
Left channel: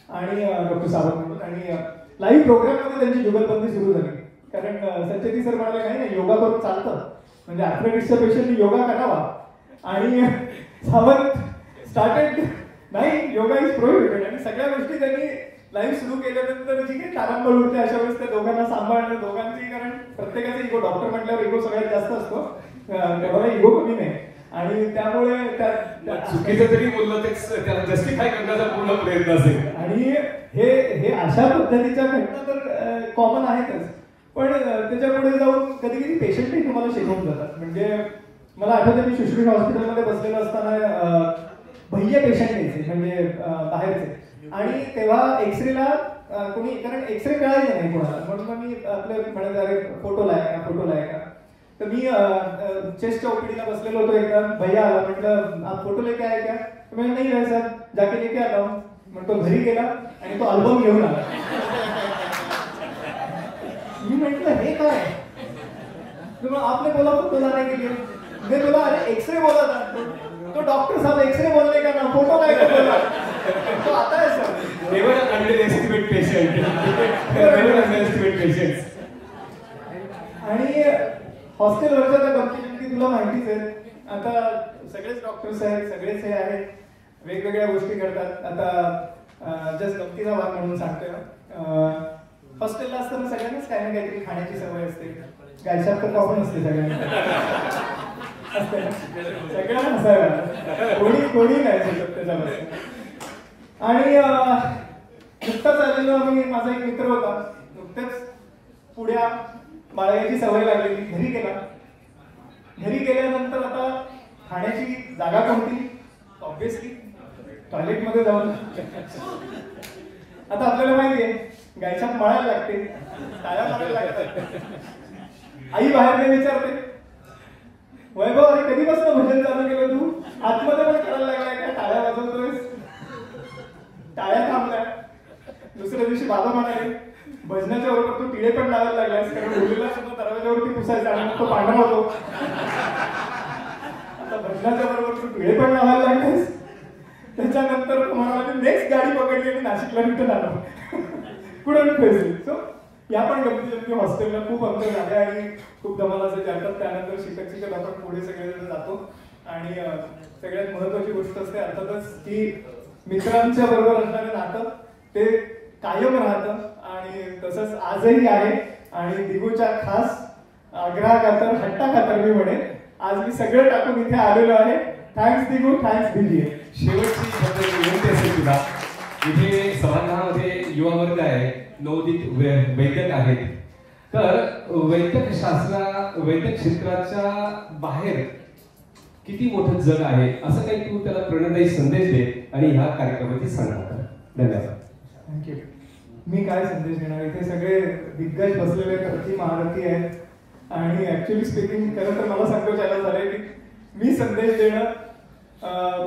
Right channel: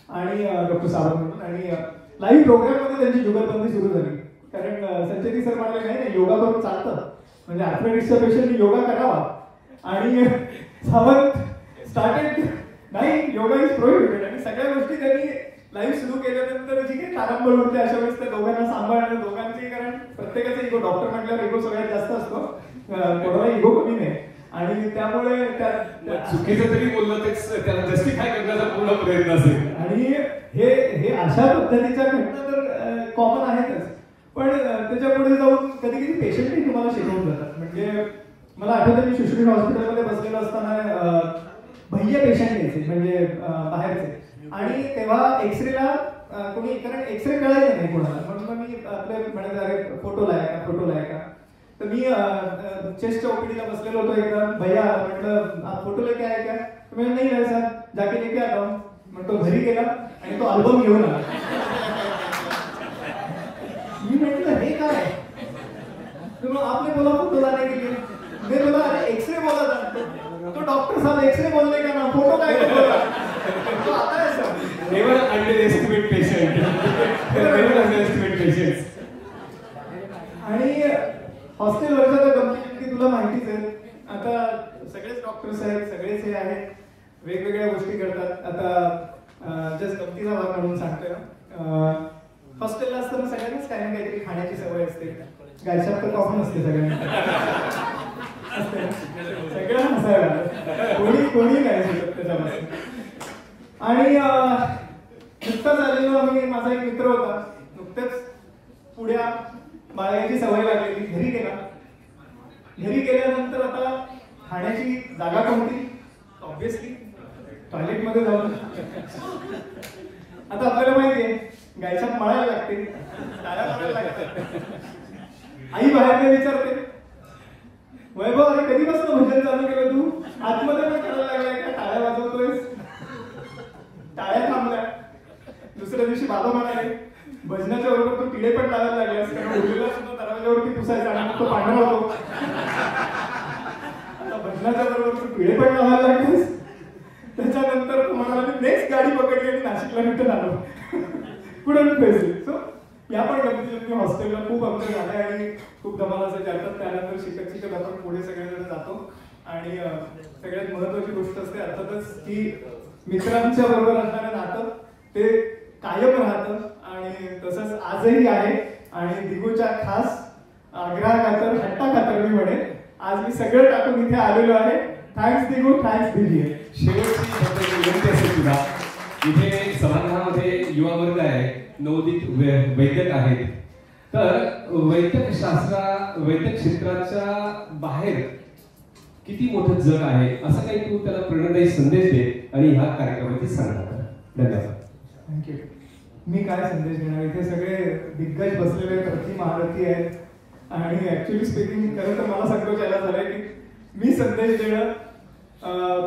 आणि डॉक्टर सावंत म्हणून. आणि लाईव्ह प्रोग्राममध्ये त्यांची जुगलबंदी सुरू झाली, कारण संचेती सर म्हणाले नाही योगा करून चालतं, म्हणजे आर्थरायटिसच्या पेशंटनी योगा करावा. आणि सावंत स्टार्टेड नाही योगा इज प्रोहिबिटेड, आणि सगळ्या गोष्टी त्यांनी लाईव्ह सुरू केल्यानंतर जी काही तारांबळ उठते अशा वेळेस त्या दोघांना सांभाळणं, दोघांची, कारण प्रत्येकाचा इगो, डॉक्टर म्हटल्यावर इगो सगळ्यात जास्त असतो, कोणाला इगो कमी नाही. आणि त्यामुळे चुकीचं तरी बोललं तेच त्याला जस्टिफाय करण्याचा पूर्ण प्रयत्न असेल. आणि हे अशा पद्धतीच्या घटना तर कॉमन आहेतच, पण त्याच्या पुढे जाऊन कधी कधी पेशंटही तुम्हाला शिकवून जातात. म्हणजे मला आठवतं मी शुश्रुषा हॉस्पिटलमध्ये बसलेलो असताना भैया पेशंट यायचे, म्हणजे बाहेरचे, आणि तेव्हा एक्सरेला कोणी, कारण एक्सरे कळायचं नाही कोणाला, म्हणून मी आपले म्हणायचं अरे फोटो लायका. तर मी चेस्टच्या ओपीडीला बसलेलो होतो, एकदा भैया म्हटलं आप फोटो लेके आए क्या? मैं नहीं रहे सर, जाके लेके आता हूं. म्हणतो घरी गेला आणि तो अल्बम घेऊन आला. मी म्हटलं हे काय? तो आपने बोला फोटो लाने के लिए, मैं बोला अरे एक्सरे बोला था, तो डॉक्टर साहब एक्सरे बोलने का ना फोटो काय बोला, तो आता है sir. Never underestimate patient. Never underestimate patients. आणि हॉस्टेलवरच्या तर गमती तुला माहितीच आहे. आता सगळेच डॉक्टर्स आहेत, सगळेच हे आहेत, वेगवेगळ्या गोष्टी करतात. आता जस्ट गमतीचा भाग म्हणून सांगतोय, हॉस्टेलला असताना सगळ्यांनाच काही ना काहीतरी खाण्याची सवय असते. गायशात तर कॉमन असते सगळ्यांना, सगळ्यांना हसायला, कोणी काय त्याच्यामध्ये. आणि नुकताच आलेलो आम्ही, माझा एक मित्र होता, नुकतेच पुढ्या बाळगायची सवय लागलेली, घरी गेल्यानंतर आता खाण्याची जागा कोणती? ऑब्विसली टॉयलेटमध्ये जाऊन. आता आपल्याला माहितीये गायछाप मळायला लागते, टाळ्या मारायला लागतात. आई बाहेर विचारते, वैभव अरे कधीपासून भजन चालू केलं तू? आतमध्ये पण करायला लागलाय का? टाळ्या वाजवतोय. टाळ्या थांबल्या. दुसऱ्या दिवशी बाबा म्हणाले भजनाच्या बरोबर तू टिळे पण लावायला लागलास, कारण मुलीला सुद्धा दरवाजावरती पुसायचा आणि तो पांढरा होतो. आता भजनाच्या बरोबर तू टिळे पण लावायला लागलास. त्याच्यानंतर म्हणाला मी नेक्स्ट गाडी पकडली आणि नाशिकला रिटर्न आलो. कुठे प्रेझेंट. सो या पण गमती हॉस्टेलला खूप अंतर झाले आणि खूप धमाल असं जातात. त्यानंतर शिकत आपण पुढे सगळेजण जातो. आणि सगळ्यात महत्वाची गोष्ट असते अर्थातच की मित्रांच्या बरोबर असणारं नातं ते कायम राहतं आणि तसंच आजही आहे. आणि दिगूच्या खास आग्रहाखातर हट्टाखातर मी म्हणेन आज मी सगळं टाकून इथे आलेलो आहे. थँक्स दिगू, थँक्स दिदी. शेवटची विनंती असेल तुला, इथे सभागृहामध्ये युवा वर्ग आहे, नवोदित वैद्यक आहेत, तर वैद्यक क्षेत्राच्या बाहेर किती मोठं जग आहे असं काही तू त्याला प्रेरणादायी संदेश दे आणि ह्या कार्यक्रमाची सांगणार. धन्यवाद. थँक्यू. मी काय संदेश देणार, इथे सगळे दिग्गज बसलेले प्रति महारथी आहेत आणि ऍक्च्युअली स्पीकिंग खरं तर मला संकोच यायला झालाय की मी संदेश देणं,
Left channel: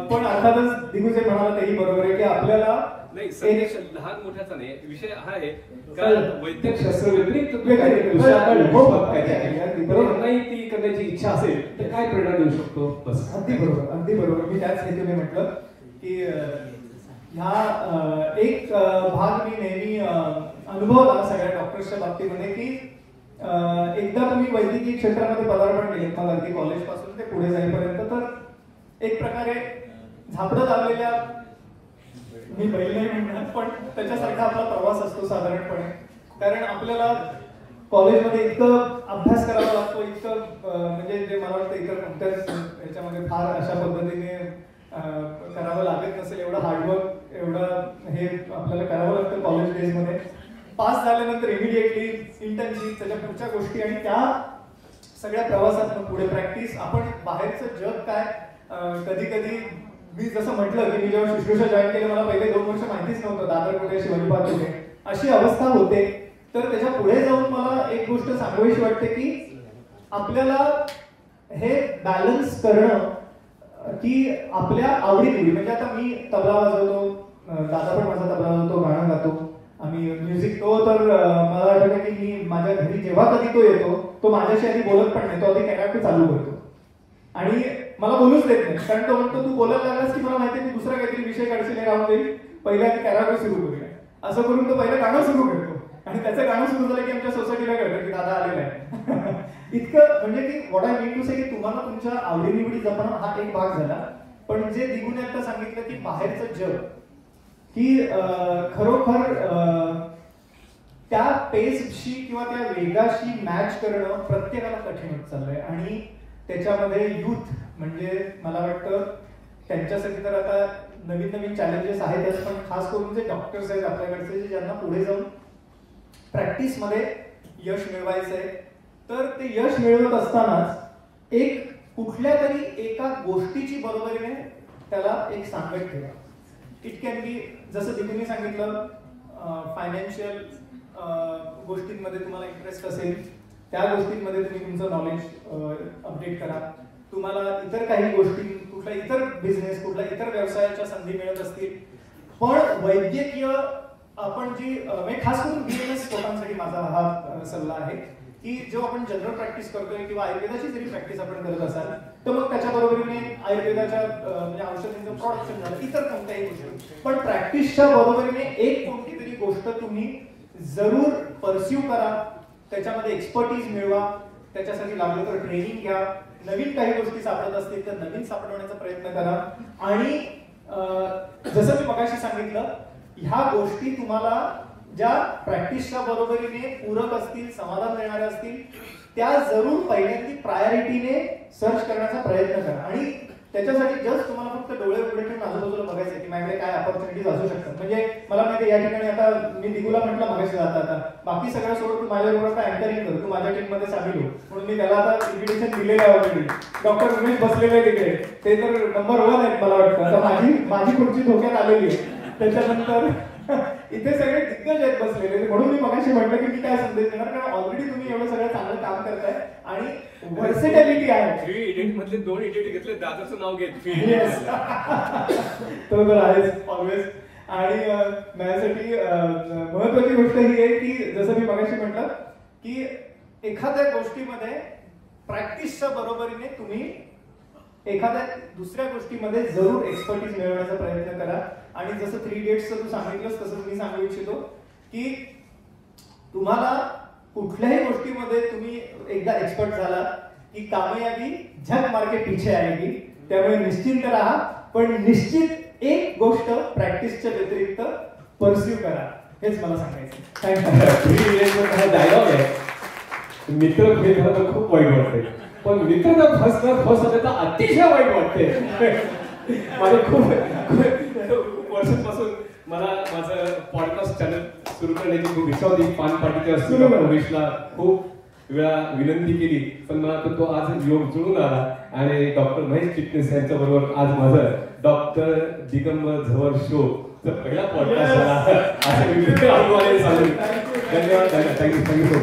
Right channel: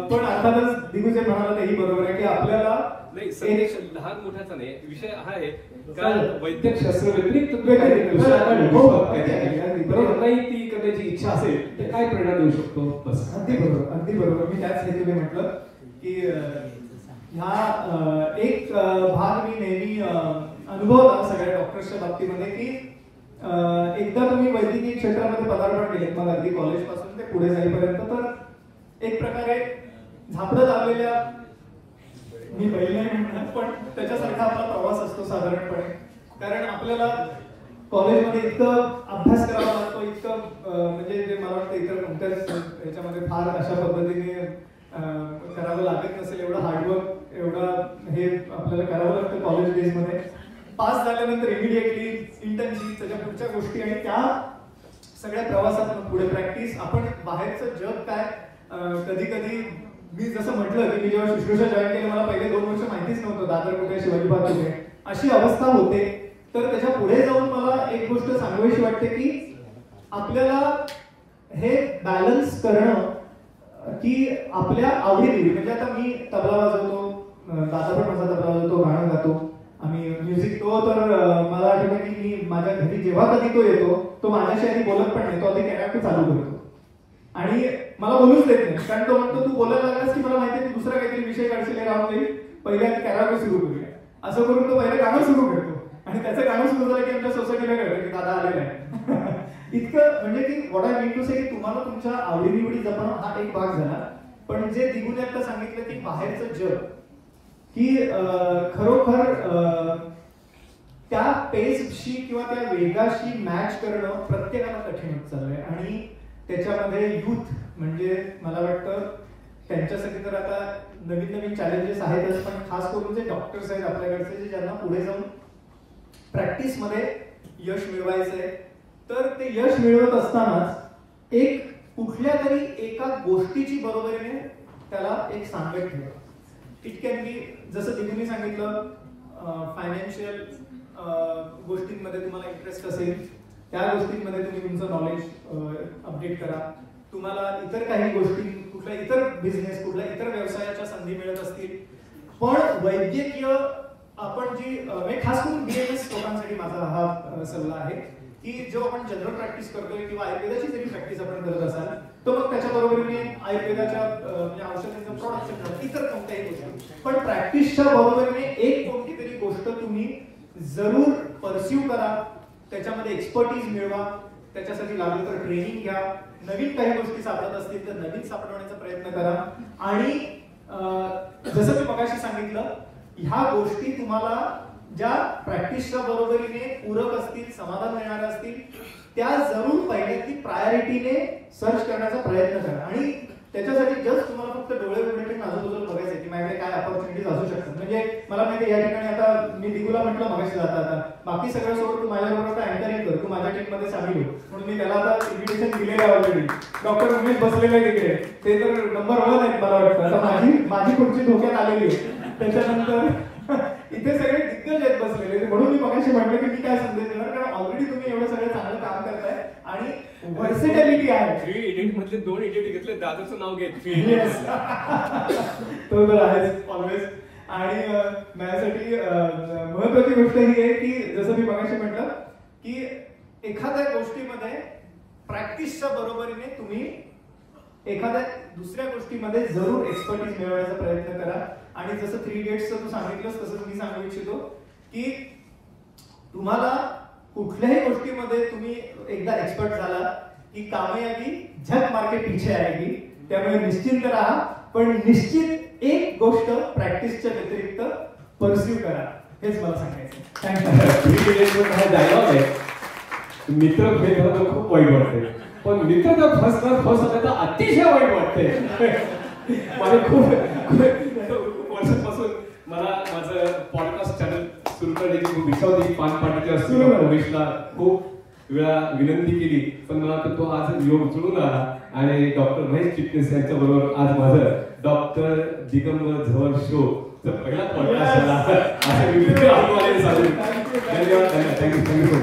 पण अर्थातच दिग्गज म्हणाला तेही बरोबर आहे की आपल्याला नाही संदेश लहान मोठ्याचा नाही, विषय हा आहे कारण वैद्यकशास्त्र व्यतिरिक्त नाही ती करण्याची इच्छा असेल तर काय प्रेरणा देऊ शकतो. बस अगदी बरोबर, अगदी बरोबर. मी त्याच हेतूने म्हटलं की ह्या एक भाग मी नेहमी अनुभवला सगळ्या डॉक्टर्सच्या बाबतीमध्ये की एकदा तुम्ही वैद्यकीय क्षेत्रामध्ये पदार्पण केले मग अगदी कॉलेज पासून ते पुढे जाईपर्यंत तर एक प्रकारे झापडत आलेल्या, मी पहिले म्हणणार पण त्याच्यासारखा आपला प्रवास असतो साधारणपणे. कारण आपल्याला कॉलेजमध्ये इतकं अभ्यास करावा लागतो, इतकं म्हणजे जे मला वाटतं इतर कोणत्याच ह्याच्यामध्ये फार अशा पद्धतीने करावं लागत नसेल एवढं हार्डवर्क, एवढं हे आपल्याला करावं लागतं कॉलेज डेजमध्ये. पास झाल्यानंतर इमिडिएटली इंटर्नशिप, त्याच्या पुढच्या गोष्टी आणि त्या सगळ्या प्रवासात पुढे प्रॅक्टिस, आपण बाहेरचं जग काय, कधी कधी मी जसं म्हटलं की मी जेव्हा शुश्रूषा जॉईन केलं मला पहिले 2 वर्ष माहितीच नव्हतं दादर कुठे शिवाजी पार्क कुठे अशी अवस्था होते. तर त्याच्या पुढे जाऊन मला एक गोष्ट सांगावीशी वाटते की आपल्याला हे बॅलन्स करणं की आपल्या आवडीनिवडी, म्हणजे आता मी तबला वाजवतो, दादा पण माझा तबला वाजवतो, गाणं गातो आम्ही, म्युझिक तो तर मला आठवतं की मी माझ्या घरी जेव्हा कधी तो येतो तो माझ्याशी आधी बोलत पण नाही, तो आधी कॅरेक्टर चालू करतो आणि मला बोलूच देत नाही. कारण तो म्हणतो तू बोलायला लागलास की मला माहिती आहे तू दुसरा काहीतरी विषय काढशील गावात जाईल, पहिले आधी कॅरेक्टर सुरू करूया असं करून तो पहिलं गाणं सुरू करतो आणि त्याचं गाणं सुरू झालं की आमच्या सोसायटीला कळतं की दादा आलेला आहे. इतकं म्हणजे की व्हॉट आय मीन टू से की तुम्हाला तुमच्या आवडीनिवडी जपणं हा एक भाग झाला, पण जे दिगूने आता सांगितलं की बाहेरचं जग की खरोखर त्या पेसशी किंवा त्या वेगाशी मॅच करणं प्रत्येकाला कठीण होत चाललंय आणि त्याच्यामध्ये युथ म्हणजे मला वाटतं त्यांच्यासाठी तर आता नवीन नवीन चॅलेंजेस आहेतच, पण खास करून जे डॉक्टर्स आहेत आपल्याकडचे जे ज्यांना पुढे जाऊन प्रॅक्टिस मध्ये यश मिळवायचं आहे, तर ते यश मिळवत असतानाच एक कुठल्या तरी एका गोष्टीची बरोबरीने त्याला एक सांगत ठेवा. इट कॅन बी जसं दिदीने सांगितलं फायनान्शियल गोष्टींमध्ये तुम्हाला इंटरेस्ट असेल त्या गोष्टींमध्ये तुम्ही तुमचं नॉलेज अपडेट करा. तुम्हाला इतर काही गोष्टी, कुठला इतर बिझनेस, कुठल्या इतर व्यवसायाच्या संधी मिळत असतील, पण वैद्यकीय आपण जी खास करून BMS लोकांसाठी माझा हा सल्ला आहे की जो आपण जनरल प्रॅक्टिस करतोय किंवा आयुर्वेदाची जरी प्रॅक्टिस आपण करत असाल तर मग त्याच्या बरोबरीने आयुर्वेदाच्या म्हणजे औषधांचं प्रोडक्शन झालं, इतर कोणत्याही गोष्टी, पण प्रॅक्टिसच्या बरोबरीने एक कोणती तरी गोष्ट तुम्ही जरूर परस्यू करा, त्याच्यामध्ये एक्सपर्टीज मिळवा, त्याच्यासाठी लागलं तर ट्रेनिंग घ्या, नवीन काही गोष्टी सापडत असतील तर नवीन सापडवण्याचा प्रयत्न करा आणि जसं मी मगाशी सांगितलं ह्या गोष्टी तुम्हाला ज्या प्रॅक्टिसच्या बरोबरीने पूरक असतील, समाधान देणाऱ्या असतील, त्या जरूर पहिल्यांदी प्रायोरिटीने सर्च करण्याचा प्रयत्न करा आणि त्याच्यासाठी जस्ट तुम्हाला फक्त डोळे उघडे ठेवून आजूबाजूला बघायचं की माझ्याकडे काय अपॉर्च्युनिटीज असू शकतात. म्हणजे मला माहिती या ठिकाणी आता मी दिगूला म्हटलं मगाशी जाता बाकी सगळं सोडून तू माझ्याबरोबर अँकरिंग कर, तू माझ्या टीम मध्ये सामील हो, म्हणून मी त्याला आता इन्व्हिटेशन दिलेलं आहे ऑलरेडी. डॉक्टर उमेश बसलेले तिकडे, ते तर नंबर 1 आहेत मला वाटतं. आता माझी खुर्ची धोक्यात आलेली आहे. त्याच्यानंतर इथे सगळे दिग्गज आहेत बसलेले, म्हणून मी मगाशी म्हटलं की मी काय संदेश देणार, कारण ऑलरेडी तुम्ही एवढं सगळं चांगलं काम करताय आणि व्हर्सिटॅलिटी आहे. 3 एडिट मधले 2 एडिट घेतले, दादाचं नाव घेत तो तर आहेच ऑलवेज. आणि माझ्यासाठी महत्वाची गोष्ट ही आहे की जसं मी मगाशी म्हटलं की एखाद्या गोष्टीमध्ये प्रॅक्टिसच्या बरोबरीने तुम्ही एखाद्या दुसऱ्या गोष्टीमध्ये जरूर एक्सपर्टीज मिळवण्याचा प्रयत्न करा. आणि जसं 3 इडियट्सचं तू सांगितलंस तसं मी सांगू इच्छितो की तुम्हाला कुठल्याही गोष्टीमध्ये तुम्ही एकदा एक्सपर्ट झाला की कामयाबी झक मार के पीछे आएगी. त्यामुळे निश्चिंत राहा, पण निश्चित एक गोष्ट प्रॅक्टिसच्या व्यतिरिक्त परस्यू करा, हेच मला सांगायचं. थँक्यू. डायलॉग आहे, मित्र भेद होणं खूप वाईट वाटते, पण मित्र फसवण्याचा अतिशय वाईट वाटते. मला खूप वर्षांपासून मला माझं पॉडकास्ट चॅनल सुरू करण्याची खूप इच्छा होती. पान पाटीच्या उमेशला खूप वेळा विनंती केली, पण मला वाटतं तो आज योग जुळून आला आणि डॉक्टर महेश चिटणीस यांच्या बरोबर आज माझं डॉक्टर दिगंबर झवर शो पहिला पॉडकास्ट झाला असं मी सांगू. धन्यवाद. थँक्यू.